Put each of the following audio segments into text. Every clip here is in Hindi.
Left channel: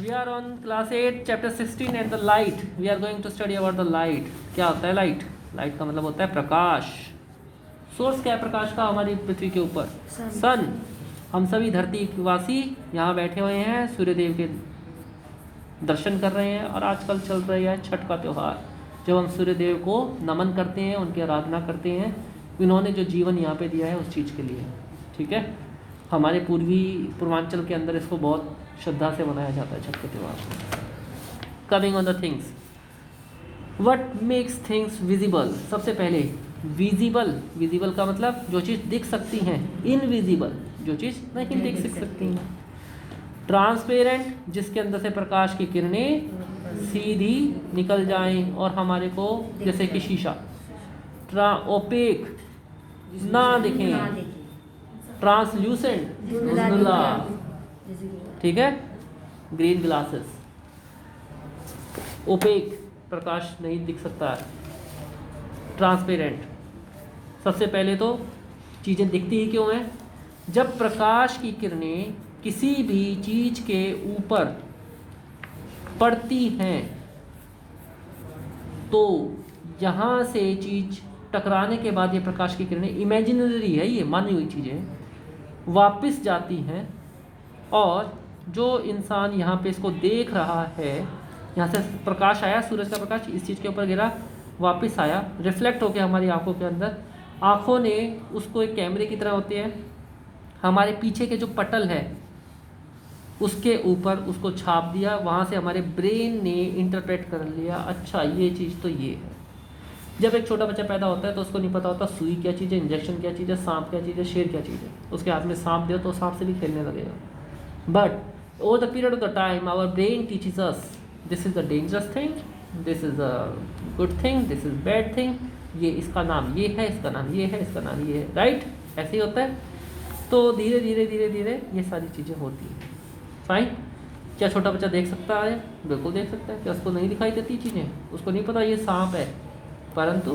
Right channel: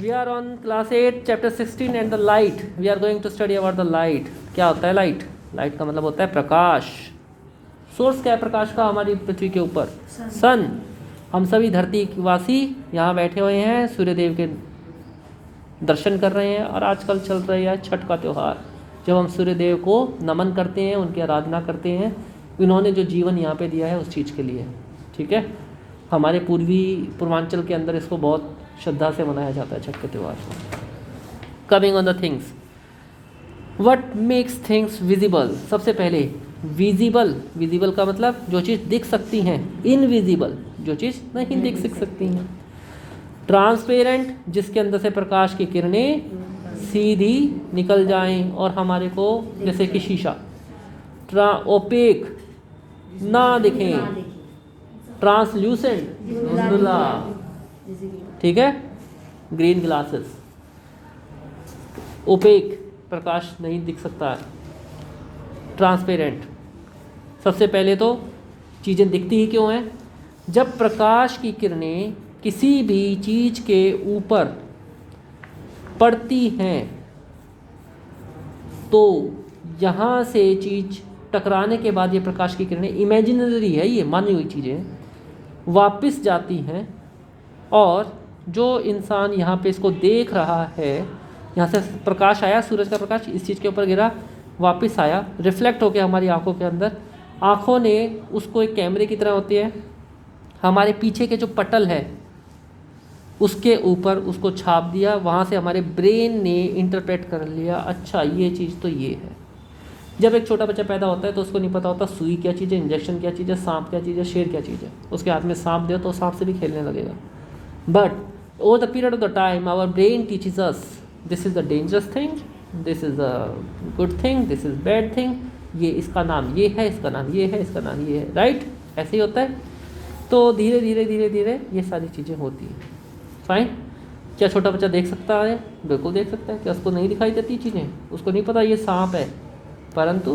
We are on class 8 chapter 16 and the light. We are going to study about the light. क्या होता है लाइट? लाइट का मतलब होता है प्रकाश. सोर्स क्या है प्रकाश का हमारी पृथ्वी के ऊपर? सन. हम सभी धरतीवासी यहाँ बैठे हुए हैं, सूर्यदेव के दर्शन कर रहे हैं और आजकल चल रहा है छठ का त्यौहार, जब हम सूर्यदेव को नमन करते हैं, उनकी आराधना करते हैं. इन्होंने जो जीवन यहाँ पे दिया है उस चीज़ के लिए, ठीक है. हमारे पूर्वांचल के अंदर इसको बहुत श्रद्धा से मनाया जाता है छठ के त्यौहार. Coming on the things, what makes things visible. सबसे पहले विजिबल. विजिबल का मतलब जो चीज़ दिख सकती हैं. इनविजिबल जो चीज़ नहीं दिख सकती हैं. ट्रांसपेरेंट जिसके अंदर से प्रकाश की किरणें सीधी निकल जाएं और हमारे को जैसे कि शीशा. ओपेक ना दिखें. ट्रांसल्यूसेंट धुंधला, ठीक है. Green glasses. ओपेक प्रकाश नहीं दिख सकता. ट्रांसपेरेंट. सबसे पहले तो चीज़ें दिखती ही क्यों हैं? जब प्रकाश की किरणें किसी भी चीज़ के ऊपर पड़ती हैं तो यहाँ से चीज़ टकराने के बाद ये प्रकाश की किरणें, इमेजिनरी है, ये मानी हुई चीज़ें, वापस जाती हैं और जो इंसान यहाँ पे इसको देख रहा है, यहाँ से प्रकाश आया, सूरज का प्रकाश इस चीज़ के ऊपर गिरा, वापस आया, रिफ्लेक्ट होकर हमारी आंखों के अंदर. आंखों ने उसको एक कैमरे की तरह होती है, हमारे पीछे के जो पटल है उसके ऊपर उसको छाप दिया. वहाँ से हमारे ब्रेन ने इंटरप्रेट कर लिया, अच्छा ये चीज़ तो ये है. जब एक छोटा बच्चा पैदा होता है तो उसको नहीं पता होता सुई क्या चीज़ है, इंजेक्शन क्या चीज़ है, सांप क्या चीज़ है, शेर क्या चीज़ है. उसके हाथ में सांप दो तो सांप से भी खेलने लगेगा. But over the period of the time our brain teaches us this is the dangerous thing, this is the good thing, this is bad thing. ये इसका नाम ये है, इसका नाम ये है, इसका नाम ये है, राइट. ऐसे ही होता है. तो धीरे धीरे धीरे धीरे ये सारी चीज़ें होती हैं. फाइन. क्या छोटा बच्चा देख सकता है? बिल्कुल देख सकता है. क्या उसको नहीं दिखाई देती चीज़ें? उसको नहीं पता ये सांप है, परंतु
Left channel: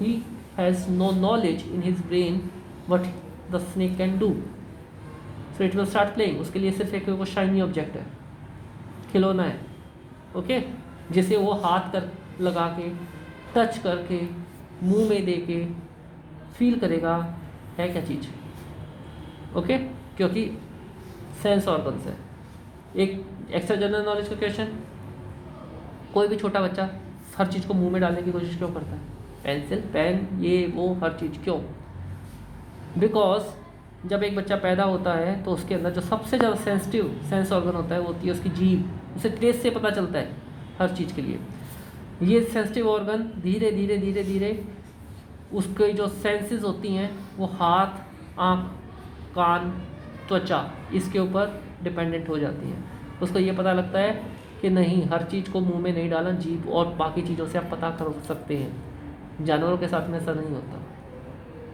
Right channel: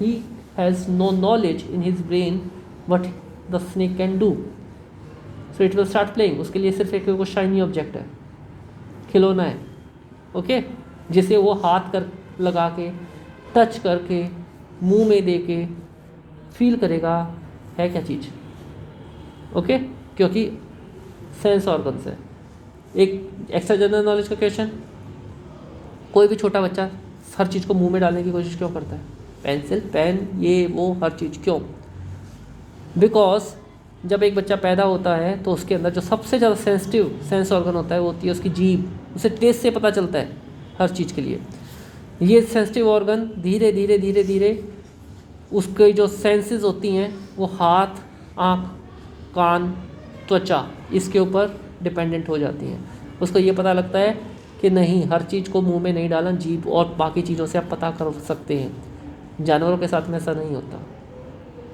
he has no knowledge in his brain what the snake can do. So it will start playing. उसके लिए सिर्फ एक वो शाइनी ऑब्जेक्ट है, खिलौना है, ओके, जिसे वो हाथ कर लगा के, टच करके, मुंह में दे के फील करेगा है क्या चीज़, ओके. क्योंकि सेंस ऑर्गन्स है. एक एक्स्ट्रा जनरल नॉलेज का क्वेश्चन, कोई भी छोटा बच्चा हर चीज़ को मुंह में डालने की कोशिश क्यों करता है? पेंसिल, पेन, ये वो हर चीज़ क्यों? बिकॉज जब एक बच्चा पैदा होता है तो उसके अंदर जो सबसे ज़्यादा सेंसिटिव सेंस ऑर्गन होता है वो होती है उसकी जीभ. उसे टेस्ट से पता चलता है हर चीज़ के लिए. ये सेंसिटिव ऑर्गन धीरे धीरे धीरे धीरे उसके जो सेंसेस होती हैं वो हाथ, आँख, कान, त्वचा, इसके ऊपर डिपेंडेंट हो जाती हैं. उसको ये पता लगता है कि नहीं, हर चीज़ को मुंह में नहीं डालना, जीभ और बाकी चीज़ों से आप पता कर सकते हैं. जानवरों के साथ में ऐसा नहीं होता.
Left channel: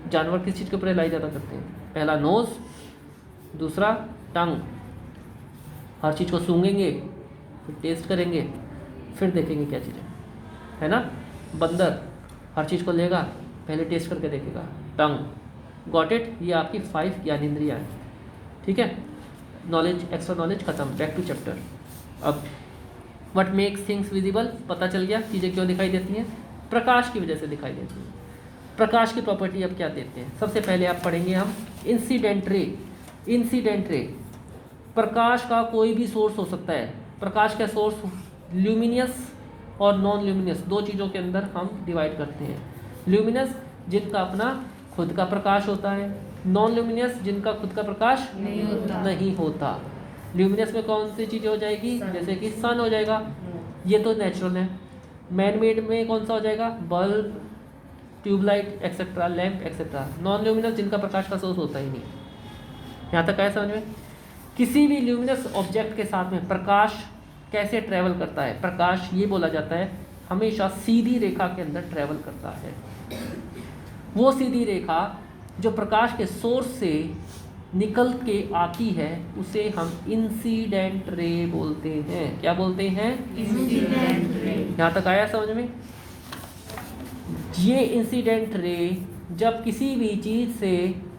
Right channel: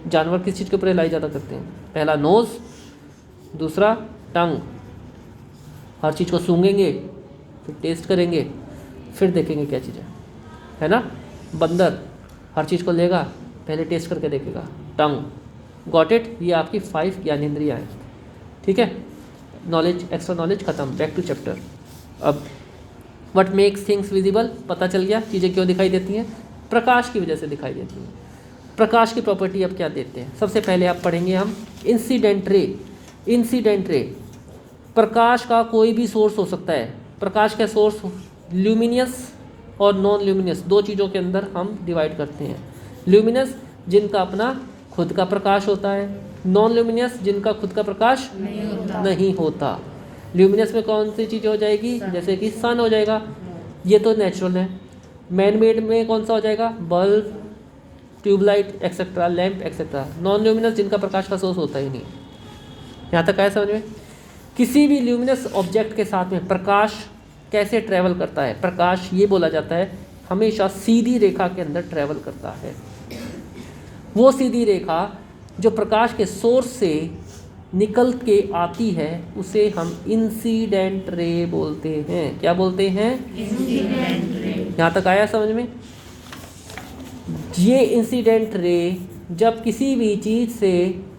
जानवर किस चीज़ के ऊपर रिलाई ज़्यादा करते हैं? पहला नोज़, दूसरा टंग. हर चीज़ को सूंघेंगे, फिर टेस्ट करेंगे, फिर देखेंगे क्या चीज़ है ना. बंदर हर चीज़ को लेगा, पहले टेस्ट करके देखेगा, टंग. Got it. ये आपकी 5 ज्ञानेंद्रियाँ हैं, ठीक है. नॉलेज, एक्स्ट्रा नॉलेज खत्म. Back to chapter. अब व्हाट मेक्स थिंग्स विजिबल पता चल गया. चीज़ें क्यों दिखाई देती हैं? प्रकाश की वजह से दिखाई देती हैं. प्रकाश की प्रॉपर्टी अब क्या देते हैं? सबसे पहले आप पढ़ेंगे हम इंसिडेंट रे. इंसिडेंट रे, प्रकाश का कोई भी सोर्स हो सकता है. प्रकाश का सोर्स ल्यूमिनियस और नॉन ल्यूमिनियस, दो चीज़ों के अंदर हम डिवाइड करते हैं. ल्यूमिनस जिनका अपना खुद का प्रकाश होता है, नॉन ल्यूमिनियस जिनका खुद का प्रकाश नहीं होता. ल्यूमिनस में कौन सी चीज़ हो जाएगी? जैसे कि सन हो जाएगा, ये तो नेचुरल है. मैन मेड में कौन सा हो जाएगा? Bulb, tube light etcetera, lamp etcetera. Non luminous जिनका प्रकाश का सोर्स होता ही नहीं. यहाँ तक आया समझ में? किसी भी ल्यूमिनस ऑब्जेक्ट के साथ में प्रकाश कैसे ट्रैवल करता है? प्रकाश ये बोला जाता है हमेशा सीधी रेखा के अंदर ट्रैवल करता है. वो सीधी रेखा जो प्रकाश के सोर्स से निकल के आती है उसे हम इंसिडेंट रे बोलते हैं. क्या बोलते हैं? Incident ray. यहाँ तक आया समझ में? ये इंसिडेंट रे जब किसी भी चीज़ से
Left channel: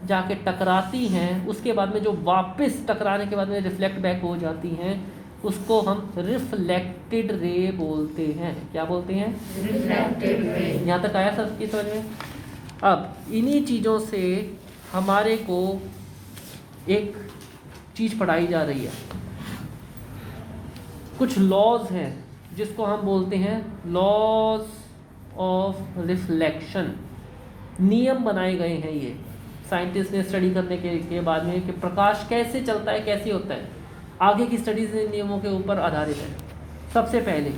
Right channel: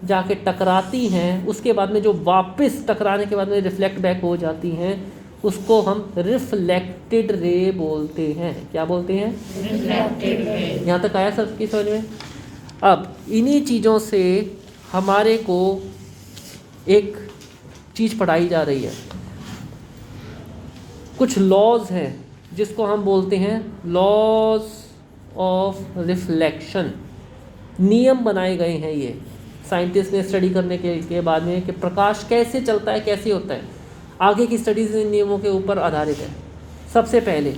जाके टकराती हैं उसके बाद में जो वापस टकराने के बाद में रिफ्लेक्ट बैक हो जाती हैं, उसको हम रिफ्लेक्टेड रे बोलते हैं। क्या बोलते हैं? Reflected ray. यहाँ तक आया सबकी समझ में? अब इन्हीं चीज़ों से हमारे को एक चीज़ पढ़ाई जा रही है, कुछ लॉज हैं जिसको हम बोलते हैं लॉज ऑफ रिफ्लेक्शन। नियम बनाए गए हैं ये साइंटिस्ट ने स्टडी करने के बाद में कि प्रकाश कैसे चलता है, कैसे होता है। आगे की स्टडीज इन नियमों के ऊपर आधारित है। सबसे पहले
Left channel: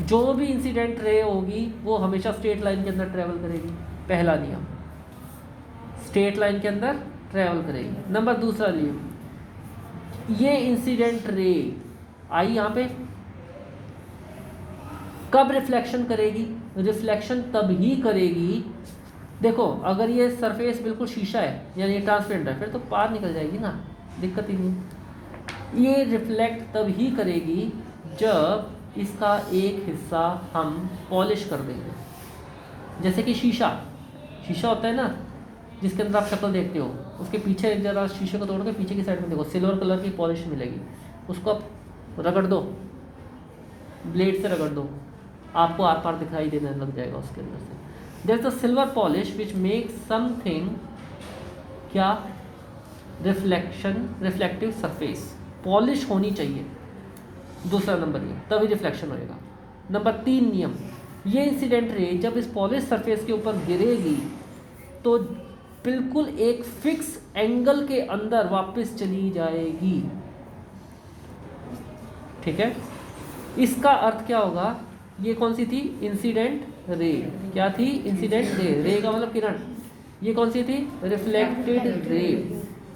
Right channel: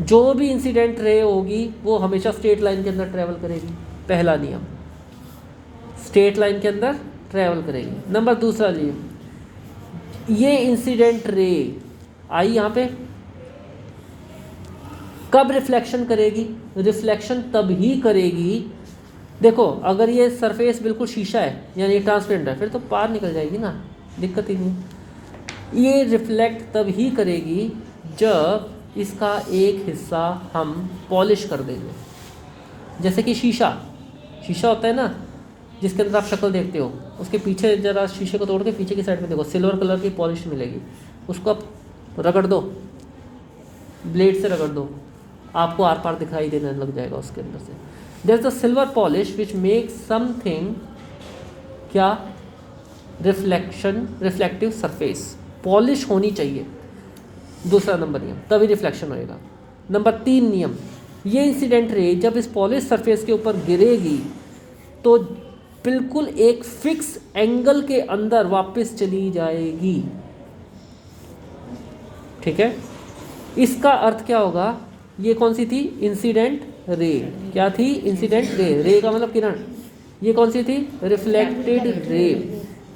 जो भी इंसिडेंट रे होगी वो हमेशा स्ट्रेट लाइन के अंदर ट्रेवल करेगी। पहला नियम, स्ट्रेट लाइन के अंदर ट्रेवल करेगी। नंबर दूसरा नियम, ये इंसिडेंट रे आई यहाँ पे कब रिफ्लेक्शन करेगी? रिफ्लेक्शन तब ही करेगी, देखो अगर ये सरफेस बिल्कुल शीशा है यानी ट्रांसपेरेंट है फिर तो पार निकल जाएगी ना, दिक्कत ही नहीं। ये रिफ्लेक्ट तब ही करेगी जब इसका एक हिस्सा हम पॉलिश कर देंगे। जैसे कि शीशा होता है ना जिसके अंदर आप शक्ल देखते हो, उसके पीछे जरा शीशे को तोड़ के पीछे की साइड में देखो, सिल्वर कलर की पॉलिश मिलेगी। उसको आप रगड़ दो, ब्लेड से रगड़ दो, आपको आर पार दिखाई देने लग जाएगा उसके अंदर से। There is the silver polish which makes something क्या? Reflective surface. पॉलिश होनी चाहिए, दूसरा नंबर नियम, तभी रिफ्लेक्शन होएगा। नंबर 3 नियम, ये इंसिडेंट रे जब इस पॉलिश सरफेस के ऊपर गिरेगी तो बिल्कुल एक फिक्स एंगल के अंदर वापस चली जाएगी। ठीक है, इसका अर्थ क्या होगा? ये कौन सी थी? Incident ray. क्या थी? Incident ray. रे का मतलब किरण। ये कौन सी थी? Reflected ray.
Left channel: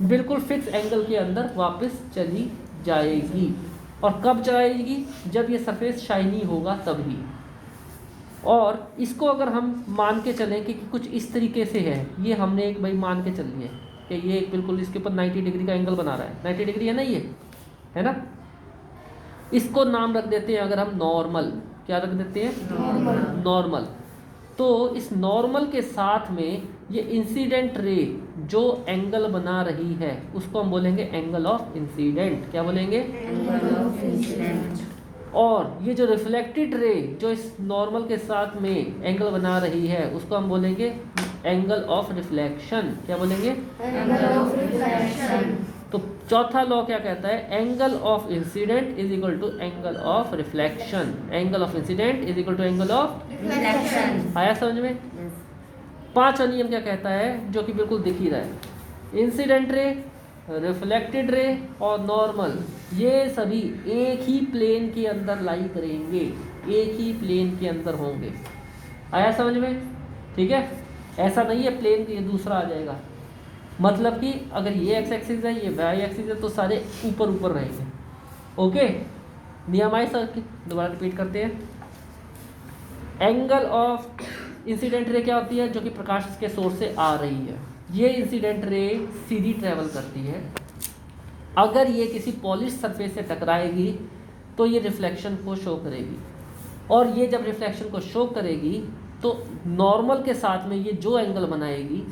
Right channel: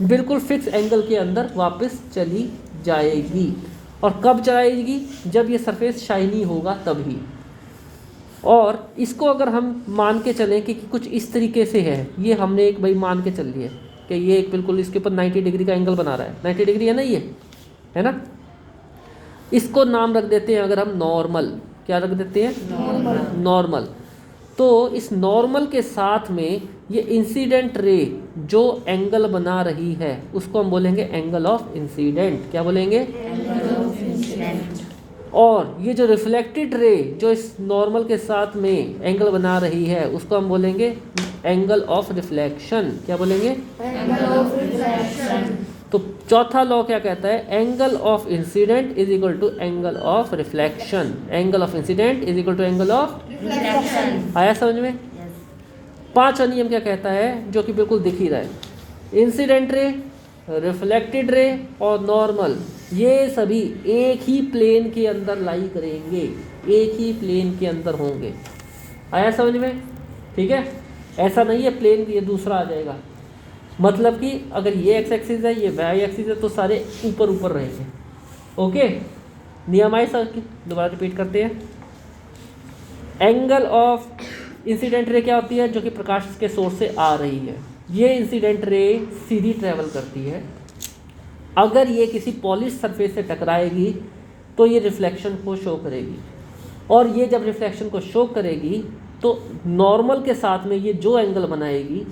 बिल्कुल फिक्स एंगल के अंदर वापस चली जाएगी। और कब जाएगी? जब ये सरफेस शाइनी होगा तभी। और इसको अगर हम मान के चलें कि कुछ इस तरीके से है, ये हमने एक भाई मान के चल लिए कि ये एक बिल्कुल इसके ऊपर 90 डिग्री का एंगल बना रहा है। 90 डिग्री है ना, ये है ना। इसको नाम रख देते हैं अगर हम नॉर्मल। क्या रख देते हैं? नॉर्मल। तो इस नॉर्मल के साथ में ये इंसिडेंट रे जो एंगल बना रही है उसको हम बोलेंगे एंगल ऑफ इंसिडेंट। क्या बोलेंगे? Angle of incident. और ये जो रिफ्लेक्टेड रे जो इस नॉर्मल के साथ में एंगल बना रही है उसको हम बोलेंगे एंगल ऑफ रिफ्लेक्शन। क्या बोलेंगे? Angle of reflection. तो चौथा लॉ क्या कहता है? Angle of incident is equal to angle of reflection. Angle of incident is equal to angle of reflection. आया समझ में? पांचवा नियम क्या कहता है जो कि बिल्कुल दिख ही रहा है? इंसिडेंट रे, रिफ्लेक्टेड रे और नॉर्मल ये सभी एक ही प्लेन के अंदर लाई करेंगे, एक ही प्लेन के अंदर होंगे। आया समझ में? ठीक है, ऐसा नहीं है प्लेन ये दूसरा आ जाएगा। मतलब कि अगर ये एक्स एक्सिस है ये वाई एक्सिस है तो सारे ऊपर ऊपर रहेंगे। ओके, नियम आए सर? दोबारा रिपीट करते हैं। एंगल ऑफ इंसिडेंट रे क्या होती है? जो कि प्रकाश के सोर्स से आ रही है। ये इंसिडेंट रे सीधी ट्रेवल करती है। अगर ये किसी पॉलिश सरफेस से टकराएगी तो ये रिफ्लेक्शन को शो करेगी, और ये जब रिफ्लेक्शन को शो करेगी तो नॉर्मल के साथ में ये जो एंगल बनाएगी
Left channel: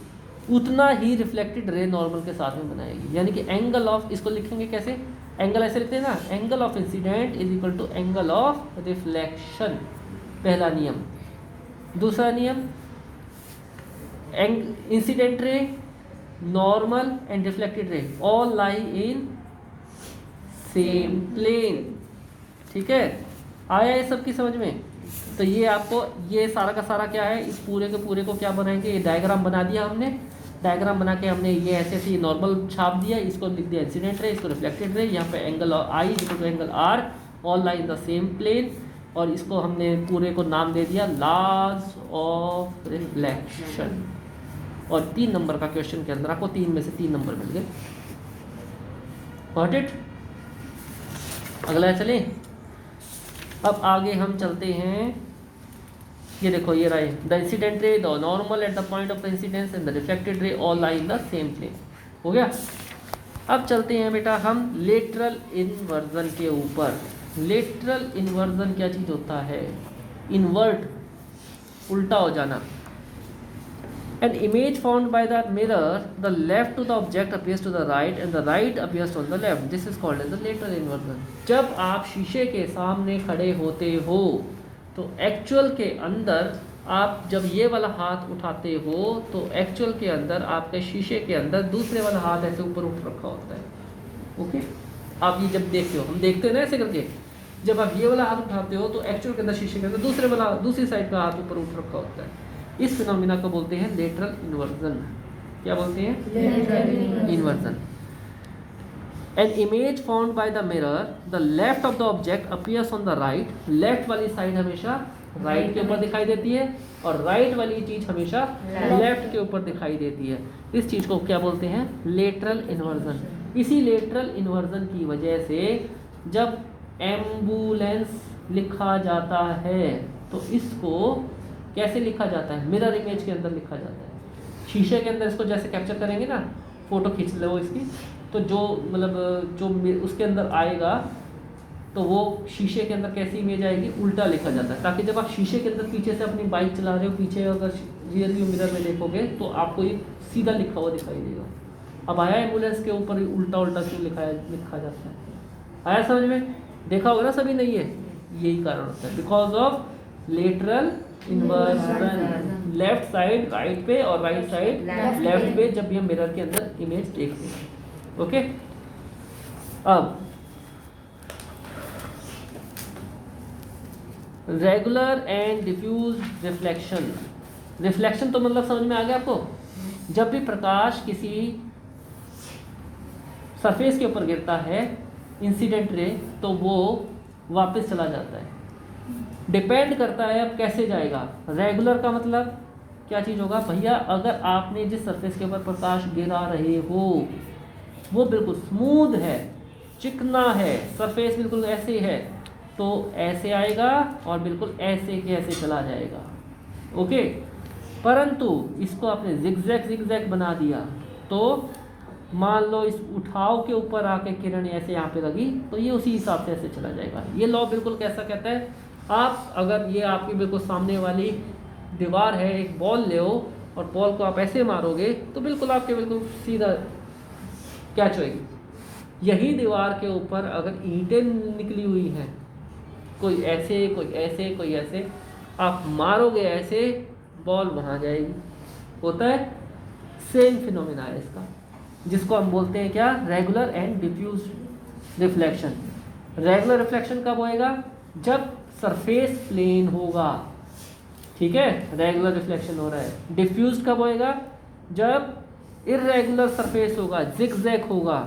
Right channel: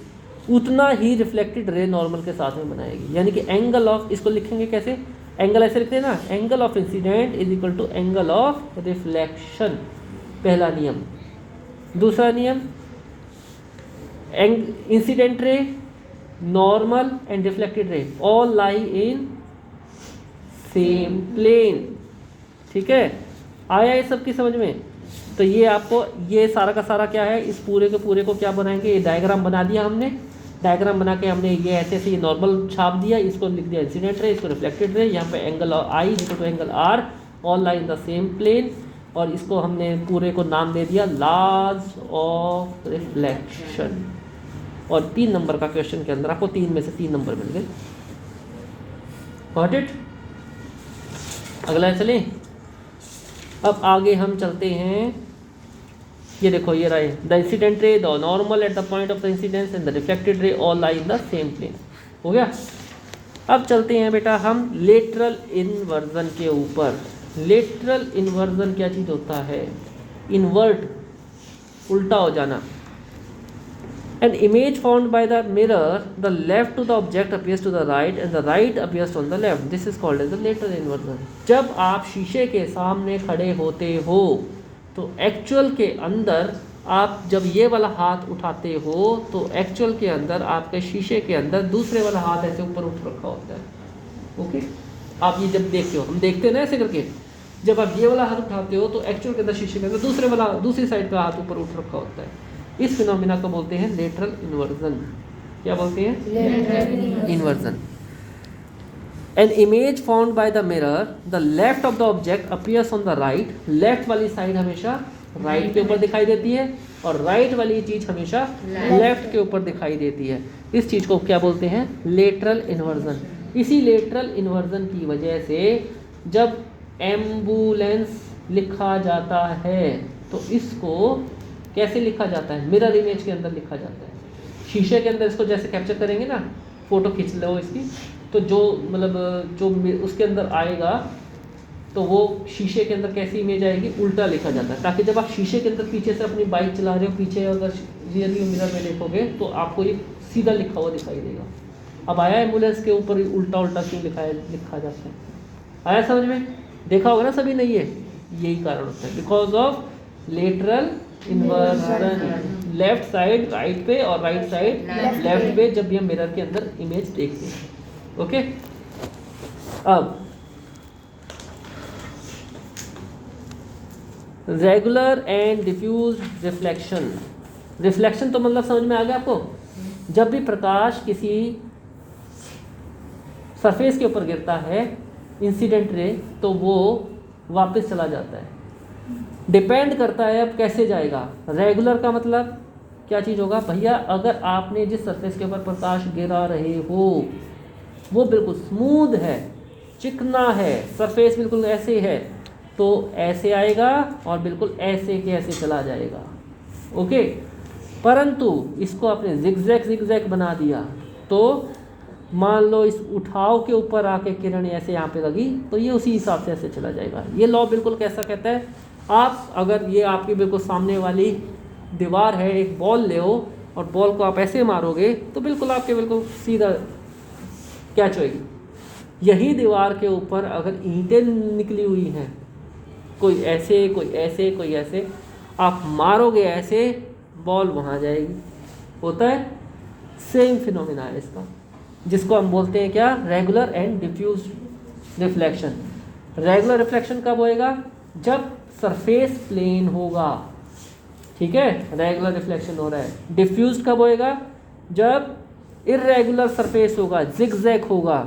उतना ही रिफ्लेक्टेड रे नॉर्मल के साथ में बनाएगी। यानी कि एंगल ऑफ, इसको लिखेंगे कैसे? एंगल ऐसे लिखते हैं ना, angle of incident is equal to angle of reflection. पहला नियम। दूसरा नियम, incident ray, normal and reflected ray all lie in same plane. ठीक है, आया ये सबकी समझ में? तो ये आपको ये सारा का सारा क्या है, इस पूरे के पूरे को क्या बनाएंगे? ये डायग्राम बना दिया हमने। डायग्राम बना के हमने ये ऐसे ऐसे नॉर्मल छाप दिया, इसको लिख दिया इंसिडेंट रे, इसको रिफ्लेक्टेड रे, यहाँ पे angle I equal to angle R all lie in the same plane, और इसको हमने पूरे को नाम दे दिया लॉज ऑफ रिफ्लेक्शन। और 3 नंबर का क्वेश्चन के अंदर आपको 3 में से 3 नंबर मिल गए। Got it? अगला चलें। अब आगे हम चलते हैं। ये देखो ये रहा है the incident ray, the normal at the point of the incidence and the reflected ray all lie in the same plane. हो गया? अब चलते हैं बेटा हम लेटरल इन्वर्जन के ऊपर। लेटरल इन्वर्जन क्या चीज़ होता है? इन्वर्ट, उल्टा हो जाना। An image found by the mirror, the left to the object appears to the right and the right appears on the left. This is called as the lateral inversion. जब आप शीशे के सामने खड़े होते हो तो एक्चुअल के अंदर आप जब ये वाला हाथ उठाते हो तो एक्चुअल के अंदर आपके शीशे के अंदर दूसरे वाला हाथ ऐसे ऊपर उठ रखा होता है। ओके, आप ये जब देखते हो, हम देखते हैं ना ऐसे करके, जब आप ये वाला हाथ उठाते हो तो एक्चुअल के अंदर शीशे के अंदर दूसरी साइड का हाथ ऊपर उठ रखा होता है। इस फिनोमिना को बोलते हैं लेटरल इन्वर्जन। क्या बोलते हैं? Inversion. An image found by the mirror, the left of the object appears on the right. Left वाली साइड हमेशा राइट के ऊपर दिखाई देती है और राइट वाली चीज हमेशा लेफ्ट के ऊपर दिखाई देती है। इस चीज को क्या बोलते हैं? Lateral inversion. इसी लेटरल इन्वर्जन की वजह से जब एम्बुलेंस लिखा जाता है तो इसको कैसे लिखा जाता है? मिरर इमेज के अंदर लिखा जाता है। शीशे के अंदर इसको जैसे कैप्चर करेंगे ना, फोटो खींच लो इसकी, तो जो मतलब जो उसके अंदर आएगा तो वो शीशे के अंदर कैसी इमेज आएगी? उल्टा लिखा जाता है, ताकि जब आप शीशे के अंदर पीछे से अपनी बाइक चला रहे हो, पीछे अगर रियरली मिरर में देखोगे तो आपको ये सीधा लिखा हुआ दिखाई देगा। अब आया एम्बुलेंस के ऊपर उल्टा उल्टा क्यों लिखा जाता है? आया समझ में? देखा होगा ना सभी ने, ये यही कारण होता है, because of lateral inversion. Left side right पे और राइट साइड लेफ्ट पे जब ये मिरर के अंदर इमेज देखते हैं। ओके, अब regular and diffuse reflection. Reflection तो मतलब समझ में आ गया आपको? जब भी प्रकाश किसी सरफेस के ऊपर गिरता है, इंसिडेंट रे, तो वो वापस चला जाता है। डिपेंड करता है अब कैसे जाएगा। रेगुलर का मतलब क्या चीज़ होगा भैया? अगर आपने जिस सरफेस के ऊपर प्रकाश गिरा रहे हो वो बिल्कुल स्मूथ है, चिकना है, सरफेस बिल्कुल ऐसे है, तो ऐसे आएगा और बिल्कुल ऐसे के ऐसे चला जाएगा। ओके, परंतु इसको आपने जिगजैग बना दिया तो मान लो इस उठाव के ऊपर आके किरण ऐसे यहाँ पे लगी तो ये उसी हिसाब से ऐसे चला जाएगा। ये लॉ बिल्कुल कैसा कहता है? आप अगर ये आपकी बिल्कुल सामने वाली दीवार है, एक बॉल ले हो और बॉल को आप ऐसे मारोगे तो बिल्कुल आपके बिल्कुल सीधा कैच होएगी। यही दीवार के ऊपर अगर ईंटें निकली हुई हैं, कोई ऐसे कोई ऐसे कोई ऐसे, आप मारोगे ऐसे, बॉल वहाँ जाएगी। होता है सेम फिनोमिना है इसका, जिसको हम बोलते हैं क्या? Regular and diffuse reflection. Regular reflection कब होएगा? जब सरफेस प्लेन होगा, ठीक है, रेगुलर रिफ्लेक्शन हो रहा है। डिफ्यूज कब होएगा? जब इर्रेगुलर सरफेस होगा, जिगजैग होगा,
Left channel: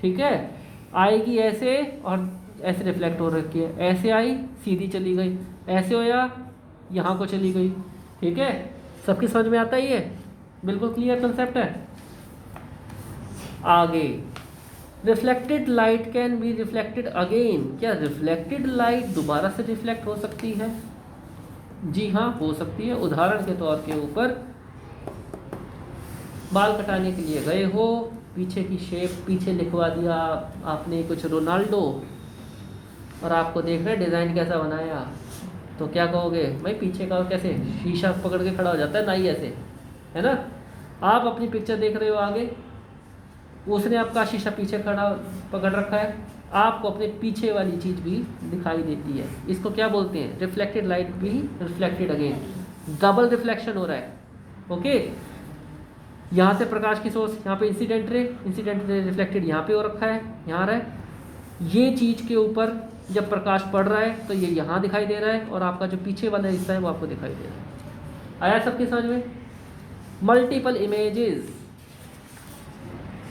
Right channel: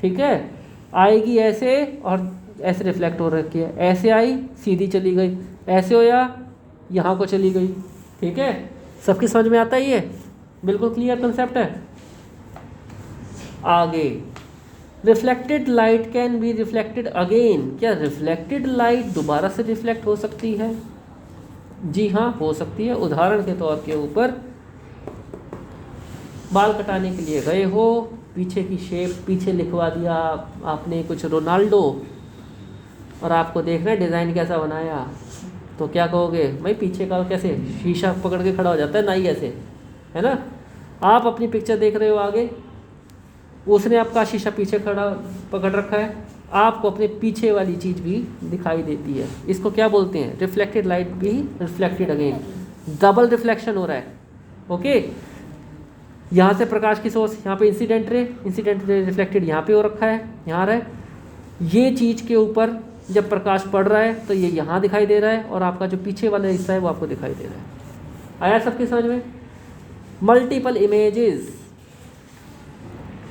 ठीक है, आएगी ऐसे और ऐसे रिफ्लेक्ट हो रखी है, ऐसे आई सीधी चली गई, ऐसे होया यहाँ को चली गई। ठीक है, सबकी समझ में आता ही है? बिल्कुल क्लियर कंसेप्ट है। आगे, reflected light can be reflected again. क्या रिफ्लेक्टेड लाइट दोबारा से रिफ्लेक्ट हो सकती है? जी हाँ, हो सकती है। उदाहरण के तौर के ऊपर बाल कटाने के लिए गए हो, पीछे की शेप पीछे लिखवा दिया आपने कुछ रोनाल्डो, और आपको देखना है डिज़ाइन कैसा बनाया, तो क्या कहोगे? भाई पीछे का कैसे शीशा पकड़ के खड़ा हो जाता है ना, ही ऐसे, है ना। आप अपनी पिक्चर देख रहे हो आगे, उसने आपका शीशा पीछे खड़ा पकड़ रखा है, आपको अपने पीछे वाली चीज़ भी दिखाई देती है। इसको क्या बोलते हैं? रिफ्लेक्टेड लाइट भी रिफ्लेक्टेड अगेन, डबल रिफ्लेक्शन हो रहा है। ओके, यहाँ से प्रकाश की सोर्स, यहाँ पे इंसिडेंट रे रिफ्लेक्टेड यहाँ पे हो रखा है, यहाँ रहा है। ये चीज़ के ऊपर जब प्रकाश पड़ रहा है तो ये यहाँ दिखाई दे रहा है, और आपका जो पीछे वाला हिस्सा है वो आपको दिखाई दे रहा है। आया सबकी समझ में? मल्टीपल इमेजेस,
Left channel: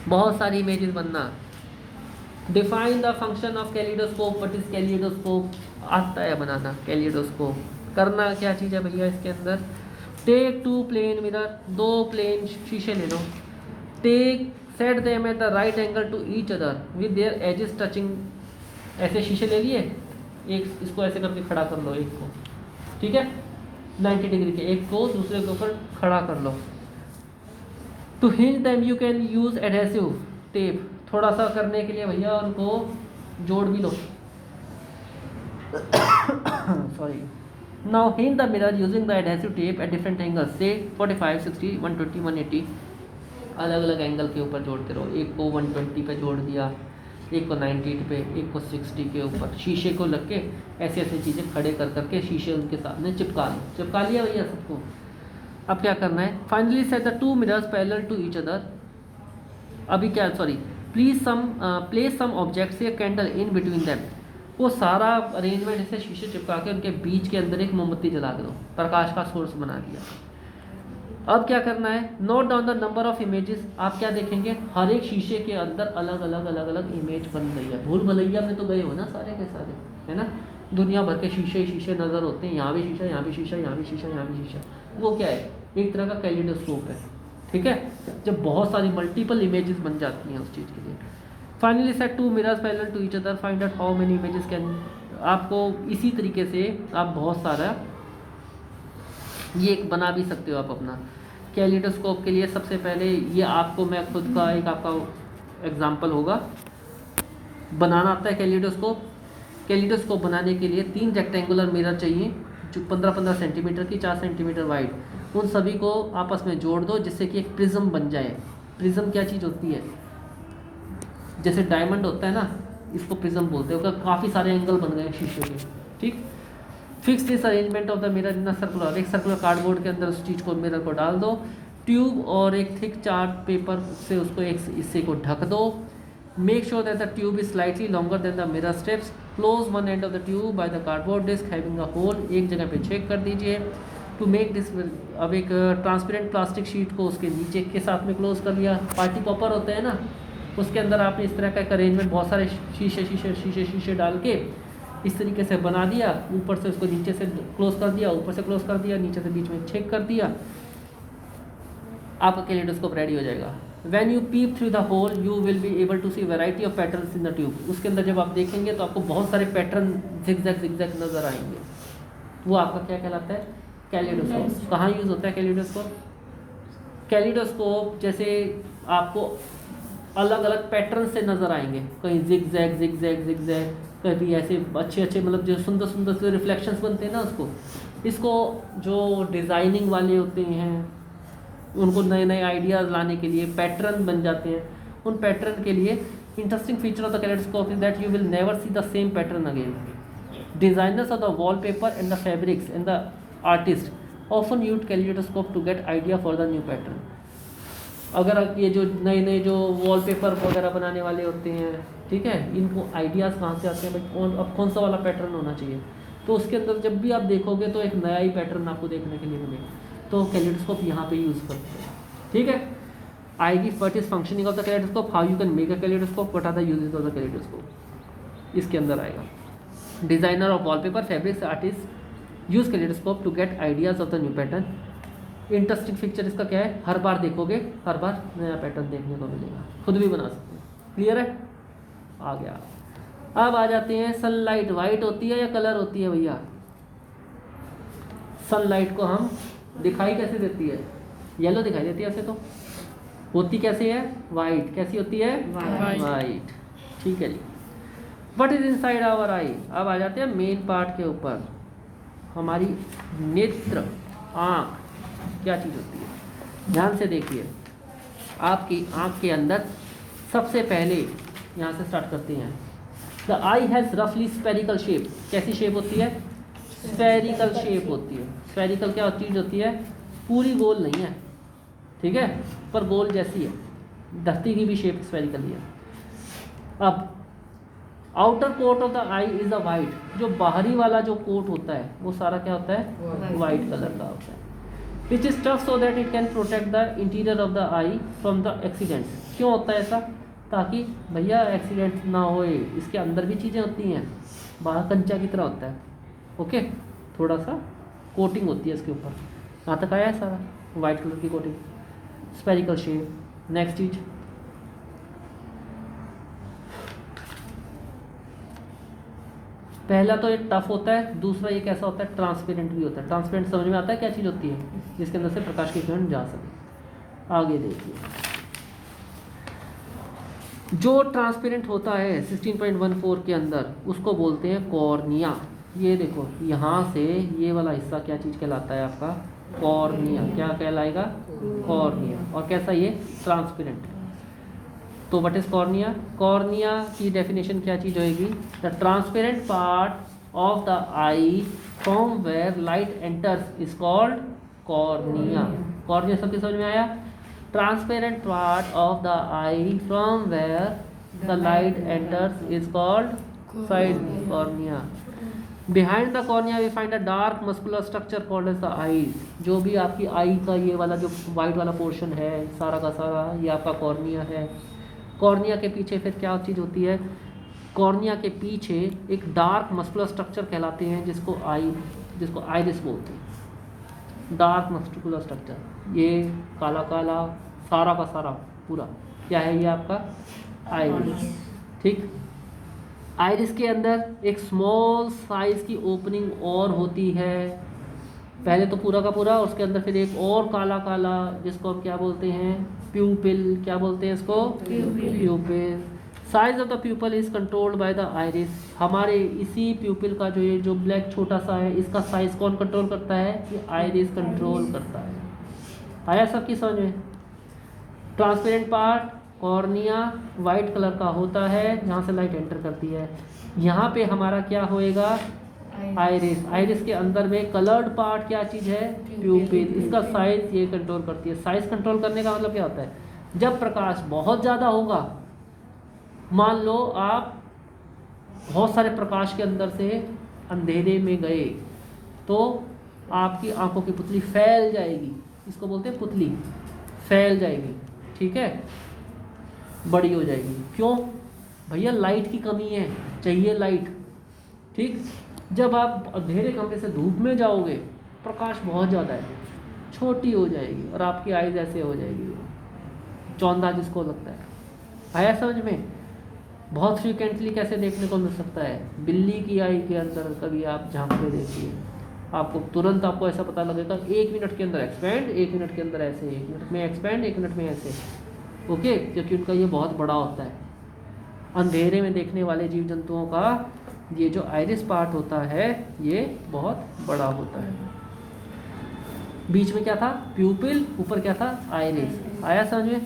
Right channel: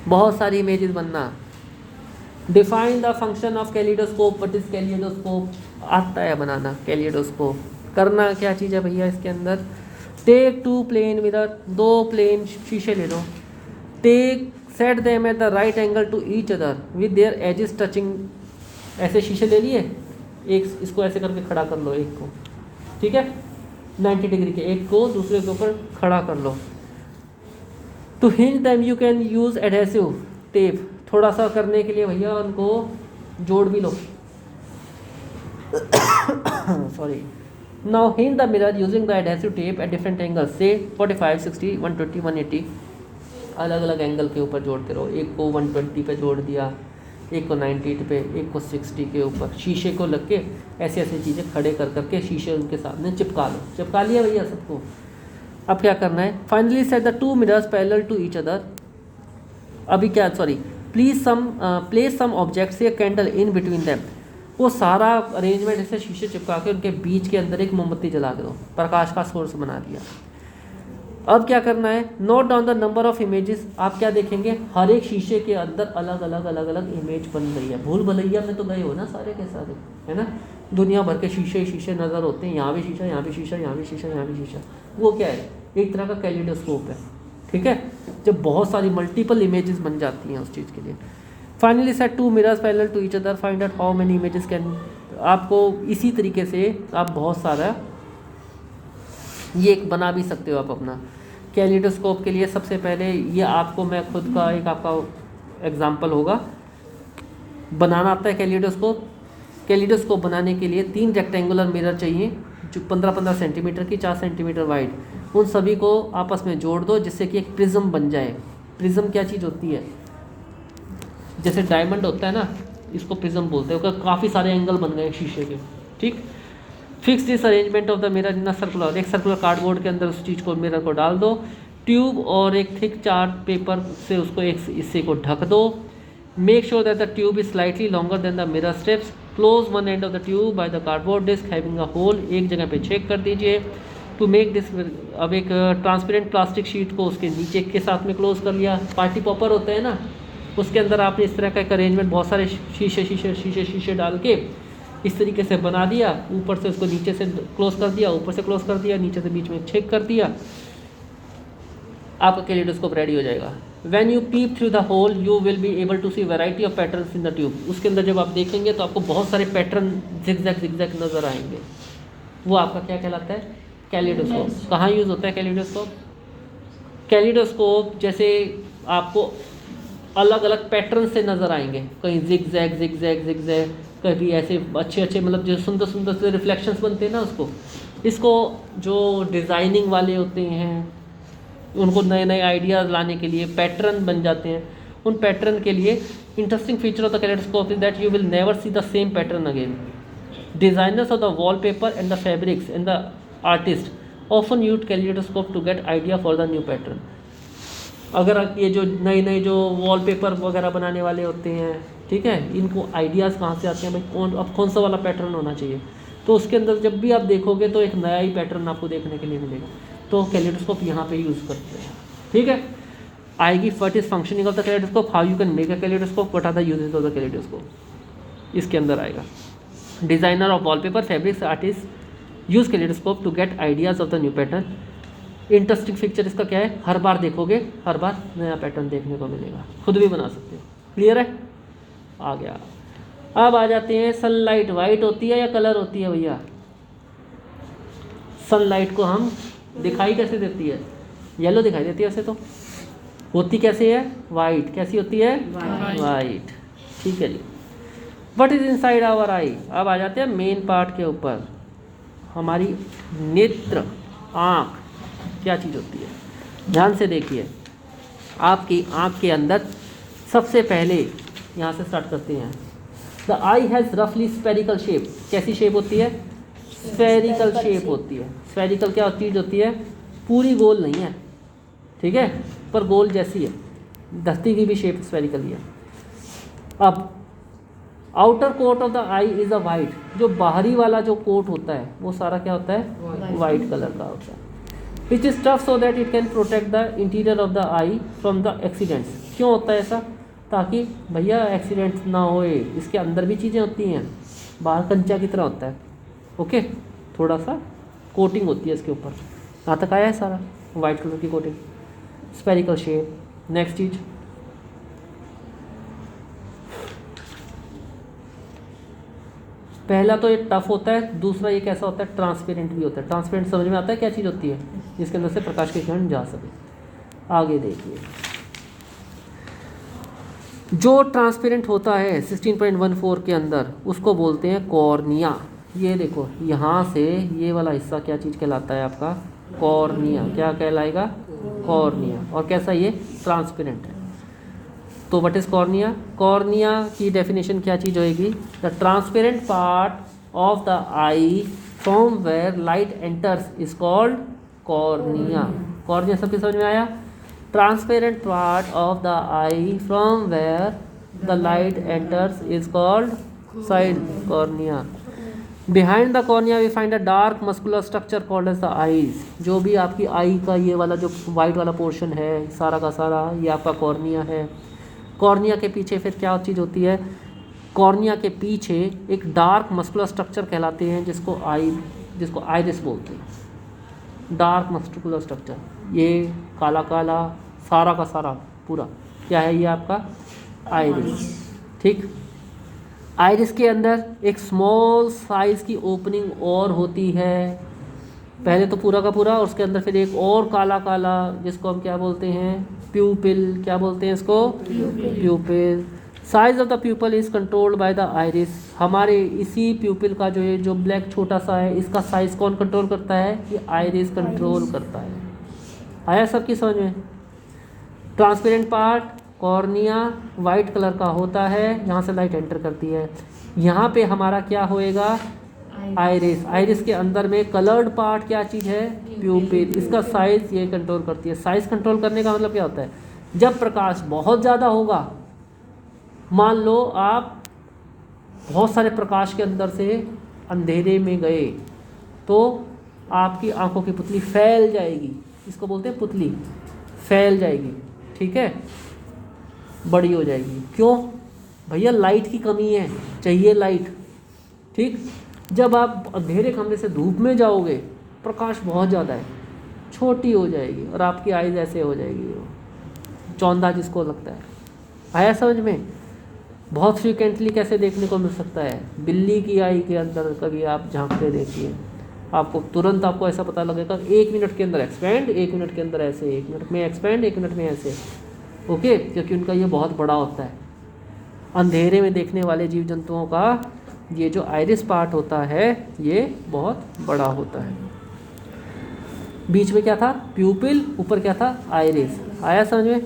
बहुत सारी इमेजेस बनना। Define the function of kaleidoscope. What is kaleidoscope? आता है बनाना कैलिडोस्कोप। करना क्या चीज़ है भैया इसके अंदर? टेक 2 प्लेन मिरर, 2 प्लेन शीशे ले लो, take set them at the right angle to each other with their edges touching. ऐसे शीशे ले लिए, एक इसको ऐसे करके खड़ा कर लो, एक को, ठीक है, 90 डिग्री के, एक को दूसरे के ऊपर खड़ा कर लो। To hinge them you can use adhesive tape. थोड़ा सा करने के लिए भैया उनको जोड़ भी लो sorry, now hinge the mirror using the adhesive tape at different angle से 45, 60, 120, 180 अलग अलग एंगल के ऊपर जोड़ते रहो। एक को 120 पे जोड़ दिया, एक को 98 पे, एक को 60 के ऊपर शीशे को लग के ऐसी ऐसी चीज़ें खड़े कर करके शीशे उनके सामने चिपका लो। चिपका लिया भैया सबको। अब क्या करना है, finally set the 2 mirrors parallel to each other. अभी क्या, sorry, place some object say candle in between them. वो सारा अरेंजमेंट जैसे शीशे चिपका के उनके बीच के अंदर एक मोमबत्ती जला दो, प्रकाश का सोर्स बना दिया। अब क्या करना है, note down the number of images. आप क्या देखेंगे, हर एक शीशे के अंदर अलग अलग इमेज बन रही है। भूल भुलैया में तो गए हो ना सारे के सारे, है ना, दुनिया भर के शीशे शीशे नज़र होते हैं, यहाँ भी शीशा, यहाँ भी शीशा, यहाँ भी शीशा, यहाँ भी शीशा। वो क्या है, एक तरह का कैलिडोस्कोप है, ठीक है, जब बहुत सारी मल्टीपल इमेजेस बन जाती हैं उस चीज़ के लिए। Finally set 2 mirrors parallel to each other, find out how many images can. आपको इसी तरीके से आप बहुत सारा ये एक बना भी सकते हो आप अपना कैलिडोस्कोप के लिए। सबसे पहले ये आपको मैं खुद का एक आपका एग्जांपल होगा, बनाना आता है कैलिडोस्कोप। कैलिडोस्कोप बनाने के लिए 3 रेक्टेंगुलर मिरर चाहिए जो 15-15 सेंटीमीटर की, 4 सेंटीमीटर वाइड। उन सभी को आपस में जोड़ दो जिससे कि एक प्रिज्म बन जाए। प्रिज्म क्या चीज़ होती है, जैसे डायमंड होता है ना, इसको प्रिज्म बोलते हैं। उसका काफ़ी सारे एंगल बन गए शीशे के, ठीक। Fix this arrangement of the mirror in a circular, एक सर्कुलर कार्डबोर्ड के अंदर उस चीज़ को, मिरर को डाल दो। ट्यूब और एक थिक चार्ट पेपर से उसको एक हिस्से को ढक दो। Make sure that the tube is slightly longer than the mirror strips. Close one end of the tube by the cardboard disc having a hole, एक जगह पे छेद कर दीजिए। टू मेक दिस, अब एक ट्रांसपेरेंट प्लास्टिक शीट को उसके नीचे के साथ में क्लोज कर लिया। पार्टी पॉपर होता है ना, उसके अंदर आपने इस तरह का एक अरेंजमेंट बहुत सारे शीशे शीशे शीशे शीशे डाल के इस तरीके से बना दिया। ऊपर से उसको नीचे से क्लोज कर दिया, ऊपर से क्लोज कर दिया, नीचे से बीच में छेद कर दिया। आपका कैलिडोस्कोप रेडी हो जाएगा। When you peep through the hole you will be able to see variety of patterns in the tube. उसके अंदर जब आप देखेंगे तो आपको बहुत सारे पैटर्न जिगजैग नज़र आएंगे। वो आपका क्या कहलाता है, कैलिडोस्कोप। कहाँ यूज़ होता है कैलिडोस्कोप? कैलिडोस्कोप जैसे आपको अलग अलग पैटर्न से नज़र आएंगे, कहीं जिगजैग, कभी ऐसे अच्छे मतलब जो सुंदर से रिफ्लेक्शंस बनते हैं ना, इसको जो डिज़ाइनिंग वाले होते हैं उनको नए नए आइडियाज़ लाने के लिए पैटर्न बन जाते हैं। उन पैटर्न के लिए interesting feature of the kaleidoscope is that you will never see the same pattern again. Designers of the wallpaper and the fabrics and the artist often use kaleidoscope to get idea for the new pattern. अगर आप ये जो नए जो वॉलपेपर वगैरह बनाने वाले होते हैं, ठीक है, इनको आइडियाज़ कहाँ से आते हैं भाई, अब कौन सा वाला पैटर्न होना चाहिए, तो उसके अंदर जब भी आप देखोगे तो एक नया ही पैटर्न आपको देखने के लिए मिलेगा। तो कैलिडोस्कोप यहाँ पे यूज़ करते हैं, ठीक है। आएगी what is functioning of the kaleidoscope, how you can make a kaleidoscope, what are the uses of the kaleidoscope, इसके अंदर आएगा। Designer of wallpaper fabrics artist use kaleidoscope to get ideas of the new pattern. Interesting feature इसका क्या है, हर बार देखोगे हर बार नया पैटर्न देखने को मिलेगा, खुद भी बना सकते हैं। क्लियर है, आ गया। अब आ जाते हैं सनलाइट वाइट होती है या कलर होती है भैया? सनलाइट को हम दिखाई कैसे देती है, येलो दिखाई देती है, वैसे तो होती कैसे है, वाइट। कैसी होती है, वाइट, ठीक है जी। व्हाट इज इनसाइड आवर आई। अब आ जाते हैं मेन पार्ट के ऊपर, हमारी नेत्र, आँख क्या चीज़ होती है। ध्यान से देखिए, आपकी आँख के अंदर सबसे पहले यहाँ से स्टार्ट करते हैं। द आई हैज़ रफली स्फेरिकल शेप। कैसी शेप होती है, स्फेरिकल शेप होती है। स्फेरिकल क्या चीज़ होती है, पूरी गोल नहीं है, ठीक है, पर गोल जैसी है। धरती की भी शेप स्फेरिकल ही है। अब outer coat of the eye is a white. जो बाहरी वाला जो कोट होता है वो सारा क्या होता है, वाइट कलर का होता है। Which is tough so that it can protect the interior of the eye from the accidents. क्यों होता है ऐसा, ताकि भैया एक्सीडेंट्स ना होए। इसके अंदर भी चीज़ें होती हैं, बाहर कंचा की तरह होता है, ओके, थोड़ा सा कोटिंग होती है इसके ऊपर। यहाँ तक आया है सारा, वाइट कलर की कोटिंग, स्फेरिकल शेप। नेक्स्ट चीज, पहला तो ये टफ होता है, दूसरा ये कैसा होता है, ट्रांसपेरेंट भी होता है। ट्रांसपेरेंट समझ में आता है क्या चीज़ होती है, जिसके अंदर से प्रकाश की किरण जा सके। आगे देखिए, जो ट्रांसपेरेंट होता है 16.14 के अंदर उसको बोलते हैं कॉर्निया। ये देखो यहाँ से ये वाला हिस्सा क्या चीज़ कहलाता है आपका, कॉर्निया। क्या कहलाएगा, कॉर्निया। और कैसा, ये ट्रांसपेरेंट है। तो व्हाट इज कॉर्निया? कॉर्निया की डेफिनेशन क्या चीज़ होएगी, the transparent part of the eye from where light enters is called cornea. Cornea सबके समझ में आया? Transparent part of the eye from where the light enters is called side cornea. Behind the cornea we find a dark muscular structure called as the eyes. जो भी आपकी आई का ये वाला जो वाइट वाला पोर्शन है सारा का सारा, ये आपका कॉर्निया है। कॉर्निया के पीछे फिर क्या चीज़ होती है, कॉर्निया के पीछे एक डार्क मस्कुलर स्ट्रक्चर कहलाते हैं जिसको आइरिस बोलते हैं। डार्क मस्कुलर स्ट्रक्चर, ये काला काला सारा का सारा पूरा क्या है, ये आपका आइरिस। ठीक, आइरिस के अंदर एक स्मॉल साइज की ओपनिंग और होती है, पहले तो पूरा का पूरा, और उसके अंदर फिर एक और काला काला जिसको हम क्या बोलते हैं, प्यूपिल। क्या बोलते हैं इसको, प्यूपिल। Size of the प्यूपिल is controlled by the iris. हमारे इसी प्यूपिल का जो ब्लैक छोटा सा है, इसका साइज कौन कंट्रोल करता है, ये आइरिस कंट्रोल करता है। आया सबकी समझ में? Transparent part cornea white colour का होता है, यहाँ से लाइट एंटर करती है। यहाँ पे हमारा क्या होएगा, आइरिस। आइरिस के अंदर में कलर्ड पार्ट क्या चीज़ है, प्यूपिल। इसका साइज ये कंट्रोल करती है। साइज कंट्रोल करने का मतलब क्या होता है, जब प्रकाश बहुत ज़्यादा होगा, मान लो आप बहुत सारे प्रकाश के अंदर से अंधेरे में गए, तो आपकी आंखों की पुतली फैल जाएगी। इसको बोलते हैं पुतली, फैल जाएगी। ठीक है, बड़ी हो जाएगी। क्यों भैया, लाइट की कमी है, चाहिए लाइट। ठीक, जब आप अंधेरे कमरे से धूप में जाओगे, प्रकाश बहुत ज़्यादा है, छोटी हो जाएगी और आपकी आइज़ ऐसे हो जाएगी, चौंधा जिसको लगता है। आया समझ में? बहुत फ्रिक्वेंटली कैसे देखने को मिल सकता है, बिल्ली की आई के अंदर कभी आप झांक के देखिए, आपको तुरंत आपको ऐसा पता लगेगा, 1 मिनट के अंदर एक्सपेंड, 1 मिनट के अंदर ऐसे, 1 मिनट में एक्सपेंड, 1 मिनट में ऐसे। ओके, क्योंकि उनका ये बहुत बड़ा होता है। अंधेरे में देखने वाले जीव जंतुओं का ये जो आइरिस पार्ट होता है, ये बहुत बड़ा होता है। बीच में क्या था, प्यूपिल, ऊपर क्या था, आइरिस। आया समझ में?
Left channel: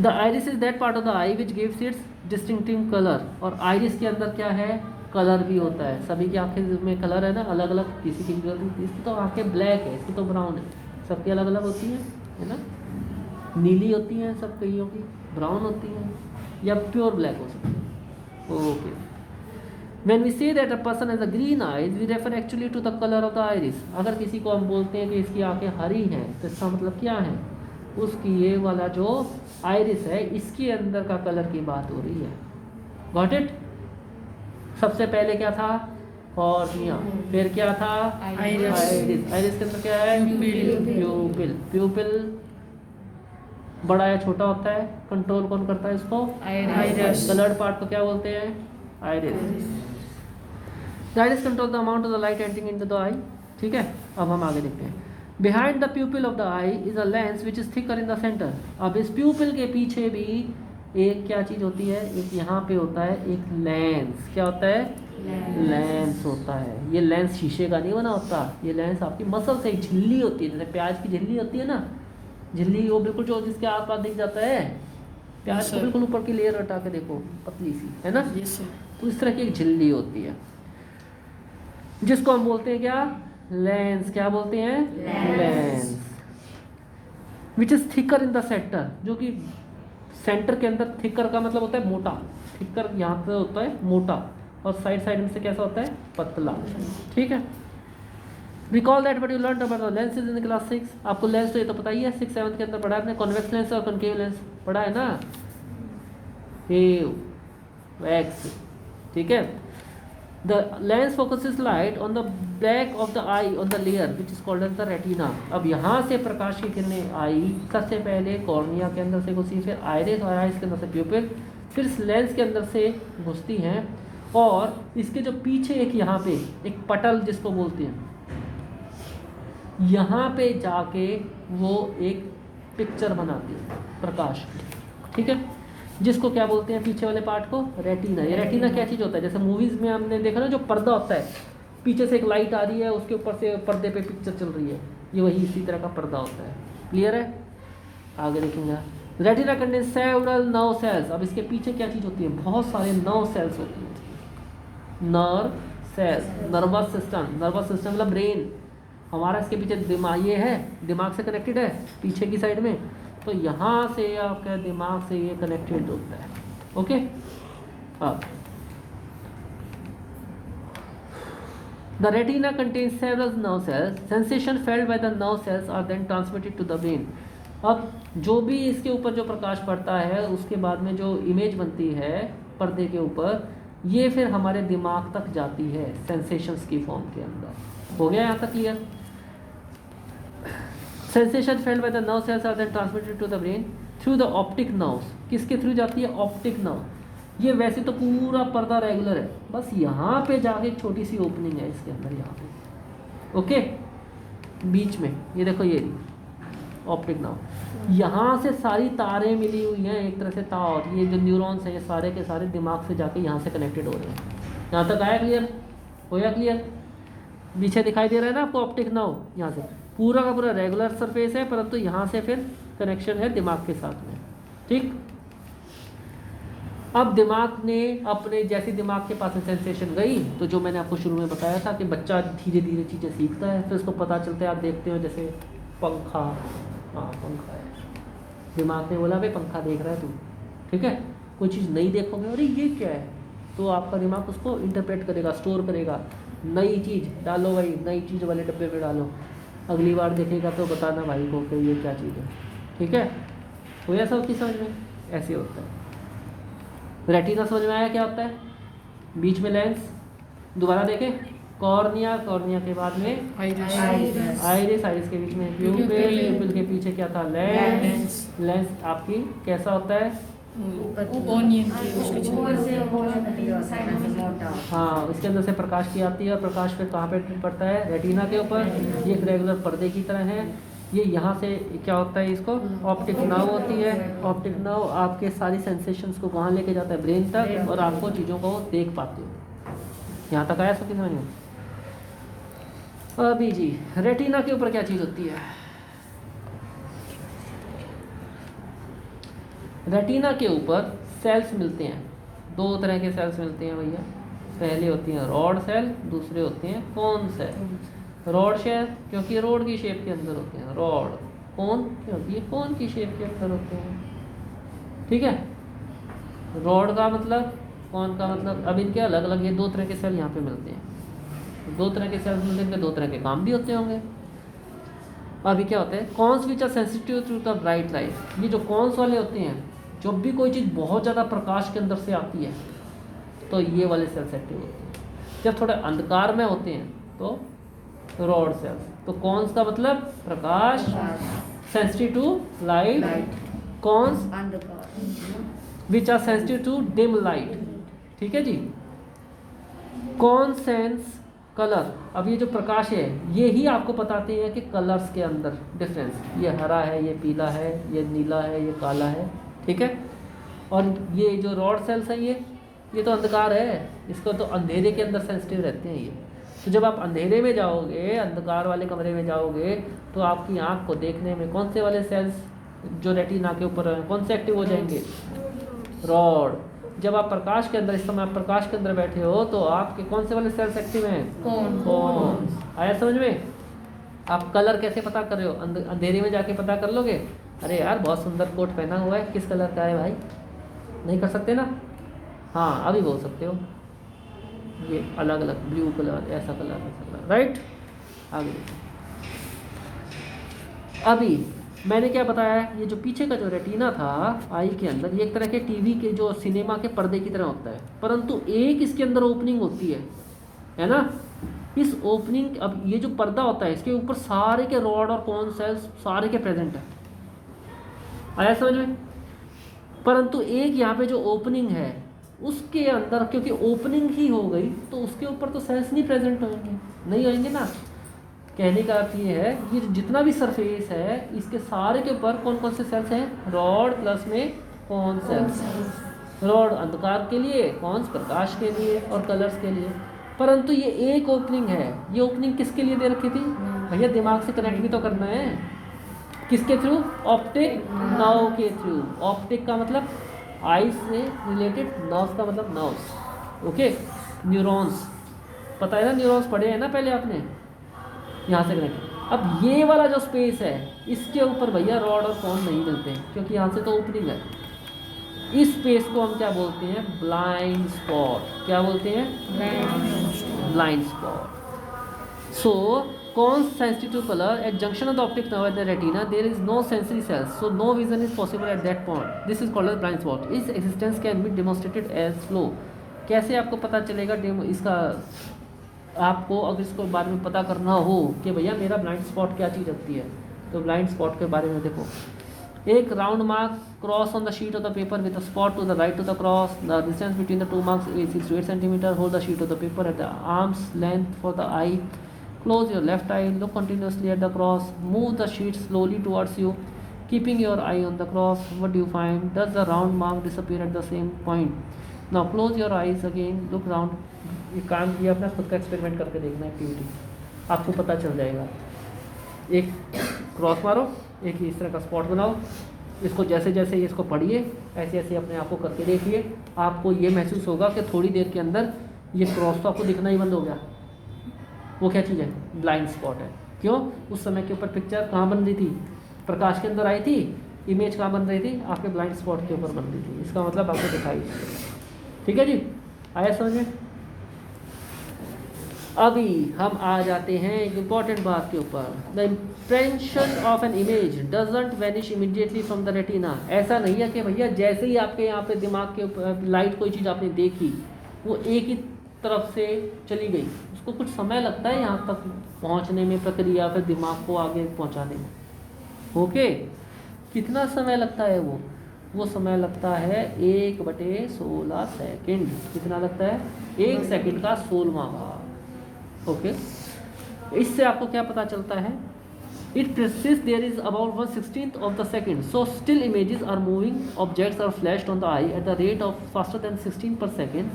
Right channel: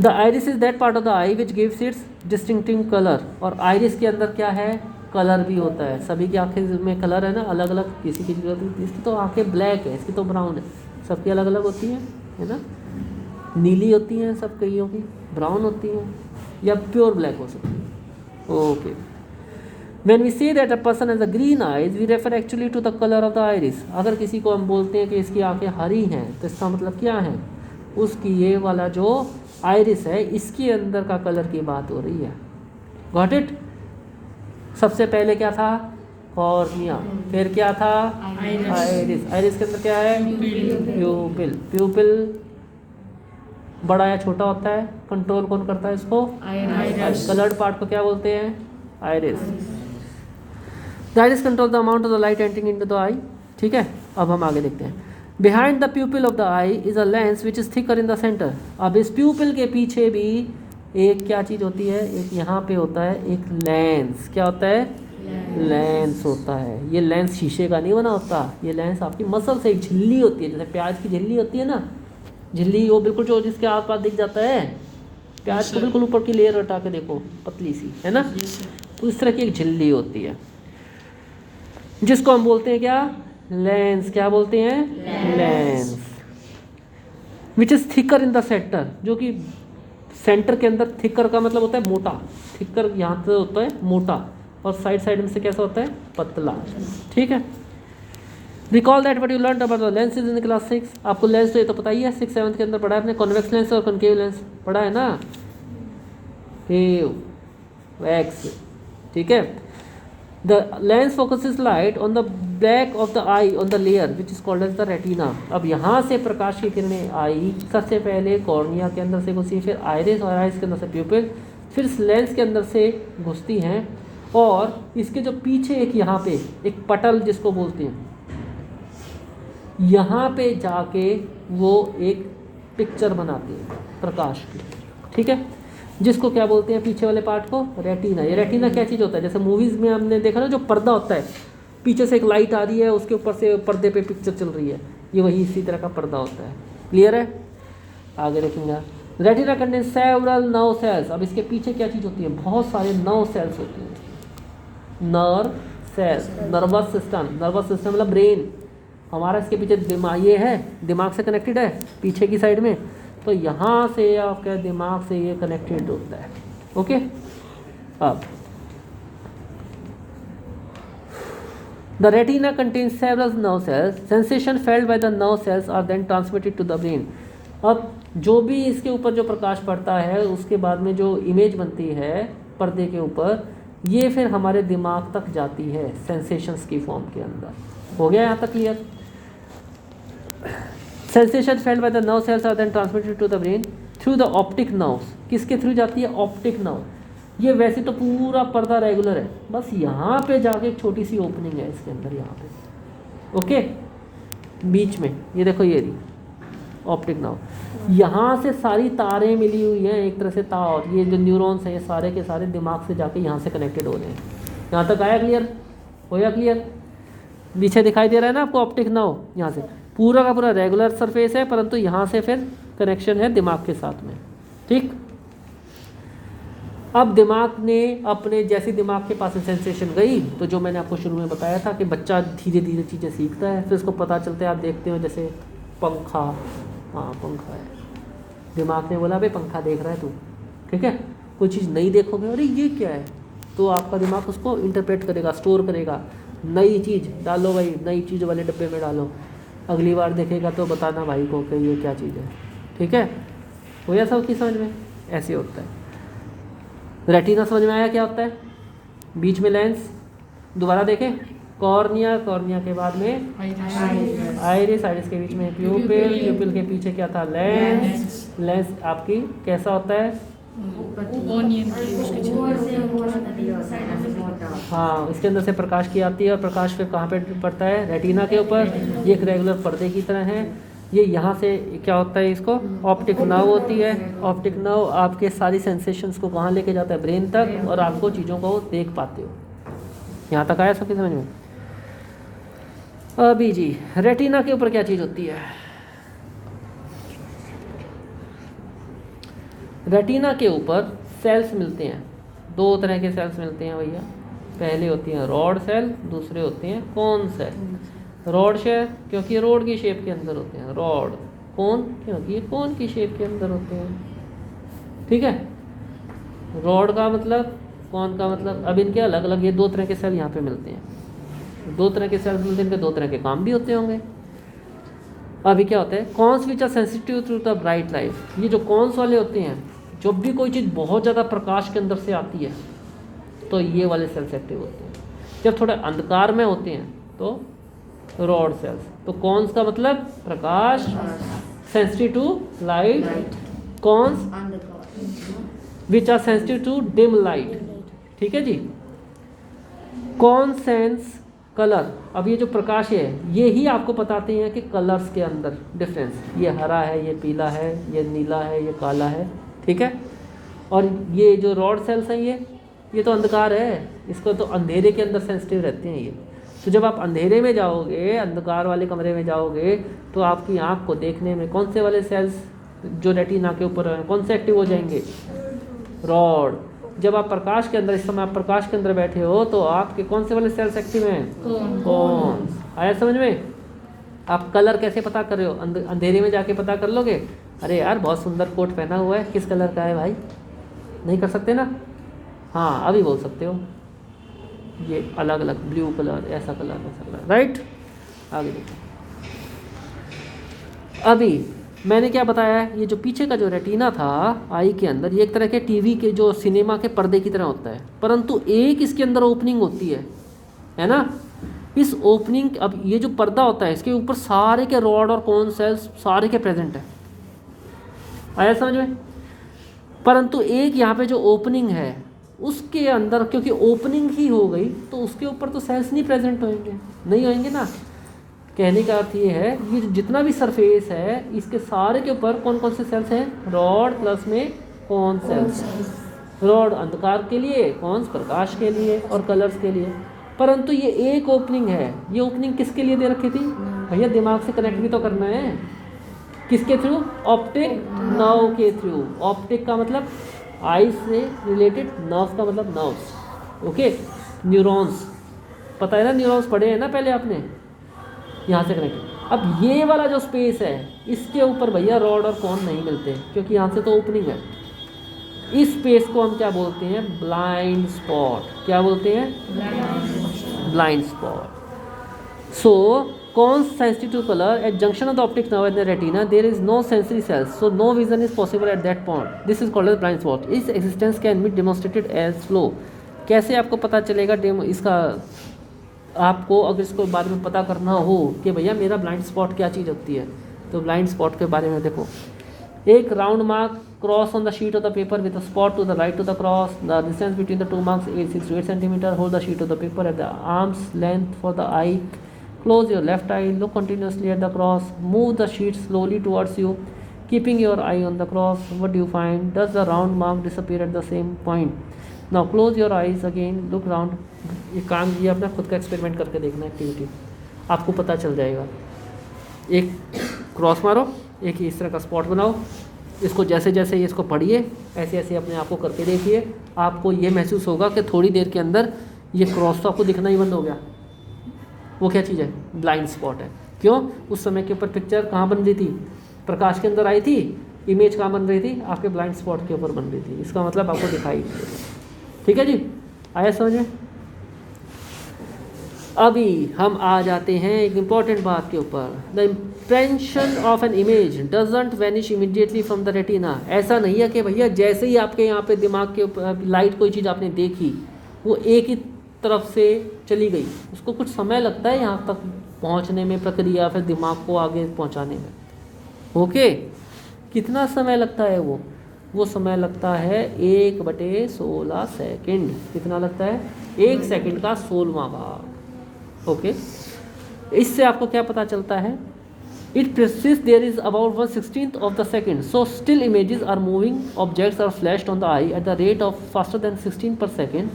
The iris is that part of the I which gives it's distinctive colour. और आइरिस के अंदर क्या है, कलर भी होता है। सभी की आंखें में कलर है ना, अलग अलग, किसी की इसकी तो आंखें ब्लैक है, इसकी तो ब्राउन है, सबकी अलग अलग होती है ना। नीली होती हैं सब, कईयों की ब्राउन होती हैं, या प्योर ब्लैक हो सकती है। Okay, when we say that a person has a green eyes, we refer actually to the colour of the iris. अगर किसी को हम बोलते हैं कि इसकी आंखें हरी हैं, तो इसका मतलब क्या है, उसकी ये वाला जो आइरिस है, इसके अंदर का कलर की बात हो रही है। Got it? सबसे पहले क्या था, कॉर्निया, फिर क्या था, आइरिस। आइरिस के अंदर क्या है, प्यूपिल। प्यूपिल बड़ा या छोटा होता है, कंट्रोल कौन करता है इसको, आइरिस। कलर्ड पार्ट को क्या बोलते हैं, iris. The iris control the amount of the light entering into the eye. ठीक है, अब हम आगे देखते हैं। Behind the pupil of the eye is a lens which is thicker in the centre. अब इस प्यूपिल के पीछे भी एक क्या चीज़ होती है, एक यहाँ पे होता है एक लेंस। क्या होता है, लेंस होता है। ये लेंस शीशे का नहीं बना होता, ये लेंस आपकी मसल से एक झिल्ली होती है, जैसे प्याज की झिल्ली होती है ना, झिल्ली वो बिल्कुल जो जिसके आस पास दिख जाता है, प्याज को बिल्कुल ऊपर की लेयर हटा के देखो, पतली सी है ना, तो इस तरह की एक झिल्ली होती है जिसको हम बोलते हैं क्या, लेंस। क्या बोलते हैं, lens. Which is thicker in the centre, जो कि सेंटर के अंदर, थिकर का मतलब होता है मोटा, थिकर यहाँ पे होता है मोटा, और साइड साइड में से कैसा होता है, पतला। ठीक है, recall that what you learn about the lenses in class 6। आपको लेंस तो ये तो पता ही है, 6-7 के अंदर पढ़ा है आपने, कॉन्वेक्स लेंस और कॉनकेव लेंस पढ़ा है ना, वैक्स। ठीक है, the lens focuses light on the back of the eye on the layer which is called as the retina. अब यहाँ से प्रकाश की किरणें आई, सबसे पहले कॉर्निया के अंदर से घुसी, फिर आइरिस और आइरिस के अंदर से प्यूपिल, फिर लेंस के अंदर से घुसती हैं, और इसके जो पीछे एक यहाँ पे एक पटल जिसको बोलते हैं, यहाँ पे जाके वो एक पिक्चर बनाती है प्रकाश की। ठीक है, जिसको क्या बोलते हैं पीछे वाले पार्ट को, रेटिना। ये रेटिना क्या चीज़ होता है, जैसे मूवीज़ में हमने देखा ना जो पर्दा होता है, पीछे से एक लाइट आ रही है, उसके ऊपर से पर्दे पे पिक्चर चल रही है, ये वही इसी तरह का पर्दा होता है। क्लियर है? आगे देखूंगा। Retina contain several nerve sales. अब इसके पीछे क्या चीज़ होती है, बहुत सारे नर्व सेल्स होती हैं। Nerve cells, nervous system, nervous system मतलब ब्रेन हमारा, इसके पीछे दिमाग, ये है दिमाग से कनेक्टेड है पीछे की साइड में, तो यहाँ से आपके दिमाग से ये कनेक्टेड होता है। ओके, अब the retina contains several nerve cells, sensation felt by the nerve cells are then transmitted to the brain. अब जो भी इसके ऊपर जो प्रकाश पड़ता है उसके बाद में जो इमेज बनती है पर्दे के ऊपर, ये फिर हमारे दिमाग तक जाती है सेंसेशंस की फॉर्म के अंदर। हो गया यहाँ तक clear? Sensation felt by the nerve cells are then transmitted to the brain through the optic nerves. किसके थ्रू जाती है? Optic nerve. ये वैसे तो पूरा पर्दा रेगुलर है, बस यहाँ पे जाके एक छोटी सी ओपनिंग है इसके अंदर, यहाँ पे ओके बीच में, ये देखो ये रही ऑप्टिक नर्व। यहाँ से सारी तारें मिली हुई हैं एक तरह से तार, ये जो न्यूरॉन्स हैं ये सारे के सारे दिमाग से जाके यहाँ से कनेक्टेड हो रहे हैं। यहाँ तक आया क्लियर? हो गया क्लियर? पीछे दिखाई दे रहा है ना आपको ऑप्टिक नर्व, यहाँ से पूरा का पूरा रेगुलर सरफेस है, परंतु यहाँ से फिर कनेक्शन है दिमाग के साथ में। ठीक, अब दिमाग ने अपने, जैसे दिमाग के पास सेंसेशन गई, तो जो मैंने आपको शुरू में बताया था कि बच्चा धीरे धीरे चीज़ें सीखता है, फिर उसको पता चलता है, आप देखते हो जैसे पंखा, हाँ पंखा है, दिमाग ने बोला भाई पंखा देख रहा है तू, ठीक है, कोई चीज़ नहीं देखोगे अरे ये क्या है, तो आपका दिमाग उसको इंटरप्रेट करेगा, स्टोर करेगा, नई चीज़ डालो भाई, नई चीज़ वाले डब्बे में डालो, अगली बार देखेगा तो बताना भाई को कि ये क्या चीज़ है। ठीक है, हो गया सब की समझ में? ऐसे होता है। रेटिना समझ में आया क्या होता है? बीच में लेंस, दोबारा देखें, कॉर्निया, कॉर्निया के बाद में आइरिस, आइरिस के बीच में प्यूपिल, प्यूपिल के पीछे क्या था? लेंस, लेंस आपकी कैसा होता है? हाँ, उसके अंदर से प्रकाश की आती है और प्रकाश फिर कहाँ पे पड़ता है? रेटिना के ऊपर। ये एक रेगुलर पर्दे की तरह है। ये यहाँ से क्या होता है, इसको ऑप्टिक नर्व होती है। ऑप्टिक नर्व आपके सारी सेंसेशंस को कहाँ लेके जाता है? ब्रेन तक, और आपको चीज़ों को देख पाते हो। यहाँ तक आया सबकी समझ में? अभी जी रेटिना के ऊपर क्या चीज़ होती है? रेटिना के ऊपर सेल्स मिलते हैं, दो तरह के सेल्स मिलते हैं भैया। पहले होती हैं रॉड सेल, दूसरे होते हैं कोन सेल। रॉड सेल क्योंकि रोड की शेप के अंदर होते हैं, रॉड। कोन क्योंकि ये कोन की शेप के अंदर होते हैं। ठीक है, रॉड का मतलब, कोन का मतलब। अब इनके अलग अलग ये दो तरह के सेल यहाँ पे मिलते हैं। दो तरह के सेल मिलते हैं, दो तरह के काम भी होते होंगे। अभी क्या होता है? Cones which are sensitive to the bright light. ये जो कॉन्स वाले होते हैं, जब भी कोई चीज़ बहुत ज़्यादा प्रकाश के अंदर से आती है तो ये वाले सेल्स एक्टिव होते हैं। जब थोड़े अंधकार में होते हैं तो रॉड सेल्स। तो कॉन्स का मतलब प्रकाश, sensitive to light, cones which are sensitive to dim light. ठीक है जी। Cone sense colour. अब ये जो प्रकाश है ये ही आपको बताते हैं कि कलर्स के अंदर डिफरेंस, ये हरा है, ये पीला है, ये नीला है, ये काला है। ठीक है, और ये जो रॉड सेल्स हैं ये तो अंधकार है, इसको तो अंधेरे के अंदर सेंसिटिव रहते हैं ये। तो जब आप अंधेरे में जाओगे, अंधकार वाले कमरे में जाओगे, तो आपकी आँख को देखने में कौन से वाले सेल्स जो रेटिना के ऊपर हैं कौन से एक्टिव हो जाएंगे? रॉड। जब आप प्रकाश के अंदर, इस समय आप प्रकाश के अंदर बैठे हो तो आपके कौन से वाले सेल्स एक्टिव हैं? कौन। आया समझ में? आप कलर कैसे पता कर रहे हो? अंधेरे में जाके पता कर लोगे? अरे यार बहुत सुंदर कोट पहना हुआ है, किस कलर का है भाई? नहीं कर सकते ना? हाँ अभी बोल सकते हो, ये अलग अलग ब्लू कलर, ऐसा कलर, राइट। आगे देखो, अभी मैंने क्या बताया है, ये जो पीछे का जो रेटिना था आई के अंदर, ये एक तरह के टीवी के जो सिनेमा के पर्दे की तरह होता है, परंतु एक इसके अंदर ओपनिंग होती है ना? इस ओपनिंग, अब ये जो पर्दा होता है इसके ऊपर सारे के रॉड और कोन सेल्स सारे के प्रेजेंट है। आया समझ में? परंतु एक यहाँ पे जो ओपनिंग है उसके अंदर, क्योंकि ओपनिंग ही हो गई तो उसके ऊपर तो सेल्स नहीं प्रेजेंट होंगे, नहीं होंगे ना। कहने का अर्थ ये है, ये जितना भी सरफेस है इसके सारे के ऊपर कौन कौन से सेल्स हैं? रॉड प्लस में कौन सेल्स, रॉड अंधकार के लिए, कौन प्रकाश के लिए और कलर्स के लिए। परंतु ये एक ओपनिंग है, ये ओपनिंग किसके लिए दे रखी थी भैया, दिमाग से कनेक्ट भी तो करना है। किसके थ्रू, ऑप्टिक नर्व के थ्रू। ऑप्टिक का मतलब आई से रिलेटेड, नर्व का मतलब नर्व्स, ओके, न्यूरॉन्स, पता है ना, न्यूरॉन्स पढ़े हैं ना पहले आपने, यहाँ से कनेक्ट। अब ये वाला जो स्पेस है इसके ऊपर भैया रॉड और कोन नहीं मिलते क्योंकि यहाँ से तो ओपनिंग है। इस स्पेस को हम क्या बोलते हैं, ब्लाइंड स्पॉट। क्या बोलते हैं, blind spot. So cone sensitive to colour at junction of the optic nerve and the retina there is no sensory cells, so no vision is possible at that point, this is called as blind spot. Its existence can be demonstrated as flow. कैसे आपको पता चलेगा इसका, आपको अगर इसको बारे में पता करना हो कि भैया मेरा ब्लाइंड स्पॉट क्या चीज़ होती है, तो ब्लाइंड स्पॉट के बारे में देखो, एक round mark cross on the sheet of the paper with a spot to the right to the cross, the distance between the two marks is 6 to 8 centimeter, hold the sheet of the paper at the arm's length for the eye, close your left eye, look continuously at the cross, move the sheet slowly towards you, keeping your eye on the cross, what do you find, does the round mark disappear at the same point, now close your eyes again, look round। ये काम, ये अपना खुद का एक्सपेरिमेंट करके देखना, एक्टिविटी आपको पता चल जाएगा। एक क्रॉस मारो, एक इस तरह का स्पॉट बनाओ, इसको जैसे जैसे इसको पढ़िए ऐसे ऐसे अपने आप को करके देखिए, आपको ये महसूस होगा कि थोड़ी देर के अंदर ये क्रॉस तो आपको दिखना ही बंद हो गया। वो क्या चीज़ है, ब्लाइंड स्पॉट है। क्यों, उस समय के ऊपर पिक्चर कहाँ बन रही थी, प्रकाश के अंदर आई थी, इमेज कहाँ बन रही थी, आपके ब्लाइंड स्पॉट के ऊपर बन रही थी, इसका मतलब आपको दिखाई। ठीक है जी, आया समझ में। अभी हम आ जाते हैं एक इम्पॉर्टेंट बात के ऊपर, the impression of an image doesn't vanish immediately from the retina. ऐसा नहीं है कि भैया जैसे ही आपके यहाँ पे दिमाग के ऊपर लाइट कोई चीज़ आपने देखी वो एक ही तरफ से चली गई, उसको कुछ समय लगता है यहाँ तक पहुँचने में, प्रक्रिया, फिर दिमाग को आगे पहुँचाने में। ओके, कितना समय लगता है वो समय लगता है 1/16 सेकेंड। कितना लगता है, 1 सेकेंड का 16वां भाग। ओके, इससे आपको क्या पता चलता है, it persists there is about 1/16 of the second, so still images are moving, objects are flashed on the eye at the rate of faster than 16 per second,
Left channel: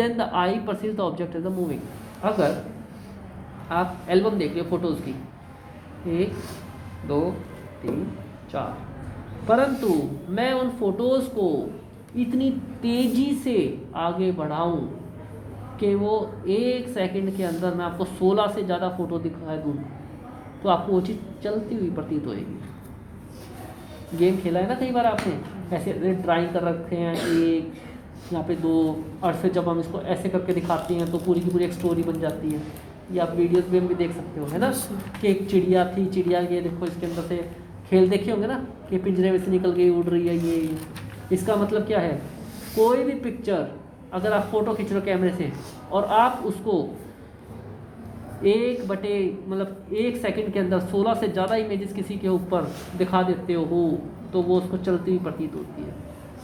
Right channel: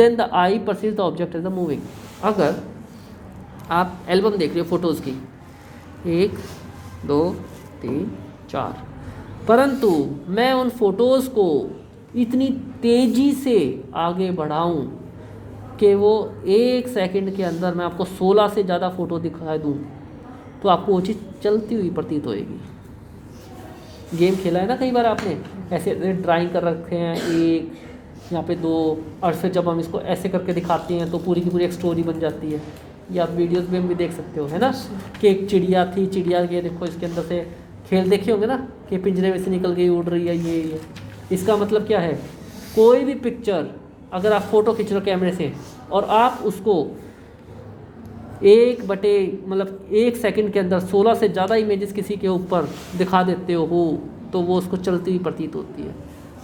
then the eye perceives the object as a moving। अगर आप एल्बम देख रहे हो फोटोज़ की, 1 2 3 4, परंतु मैं उन फोटोज़ को इतनी तेज़ी से आगे बढ़ाऊं कि वो 1 सेकंड के अंदर मैं आपको 16 से ज़्यादा फ़ोटो दिखा दूँ, तो आपको वो चीज़ चलती हुई प्रतीत होएगी। गेम खेला है ना कई बार आपने, ऐसे ड्राइंग कर रखे हैं, 1 यहाँ पे 2, और फिर जब हम इसको ऐसे करके दिखाते हैं तो पूरी की पूरी एक स्टोरी बन जाती है। ये आप वीडियोज़ में भी देख सकते हो, है ना, कि एक चिड़िया थी, चिड़िया के देखो इसके अंदर से खेल देखे होंगे ना, कि पिंजरे में से निकल गई, उड़ रही है ये। इसका मतलब क्या है, कोई भी पिक्चर अगर आप फ़ोटो खींच लो कैमरे से और आप उसको 1 सेकंड के अंदर 16 से ज़्यादा इमेजेस किसी के ऊपर दिखा देते हो, तो वो उसको चलती हुई प्रतीत होती है।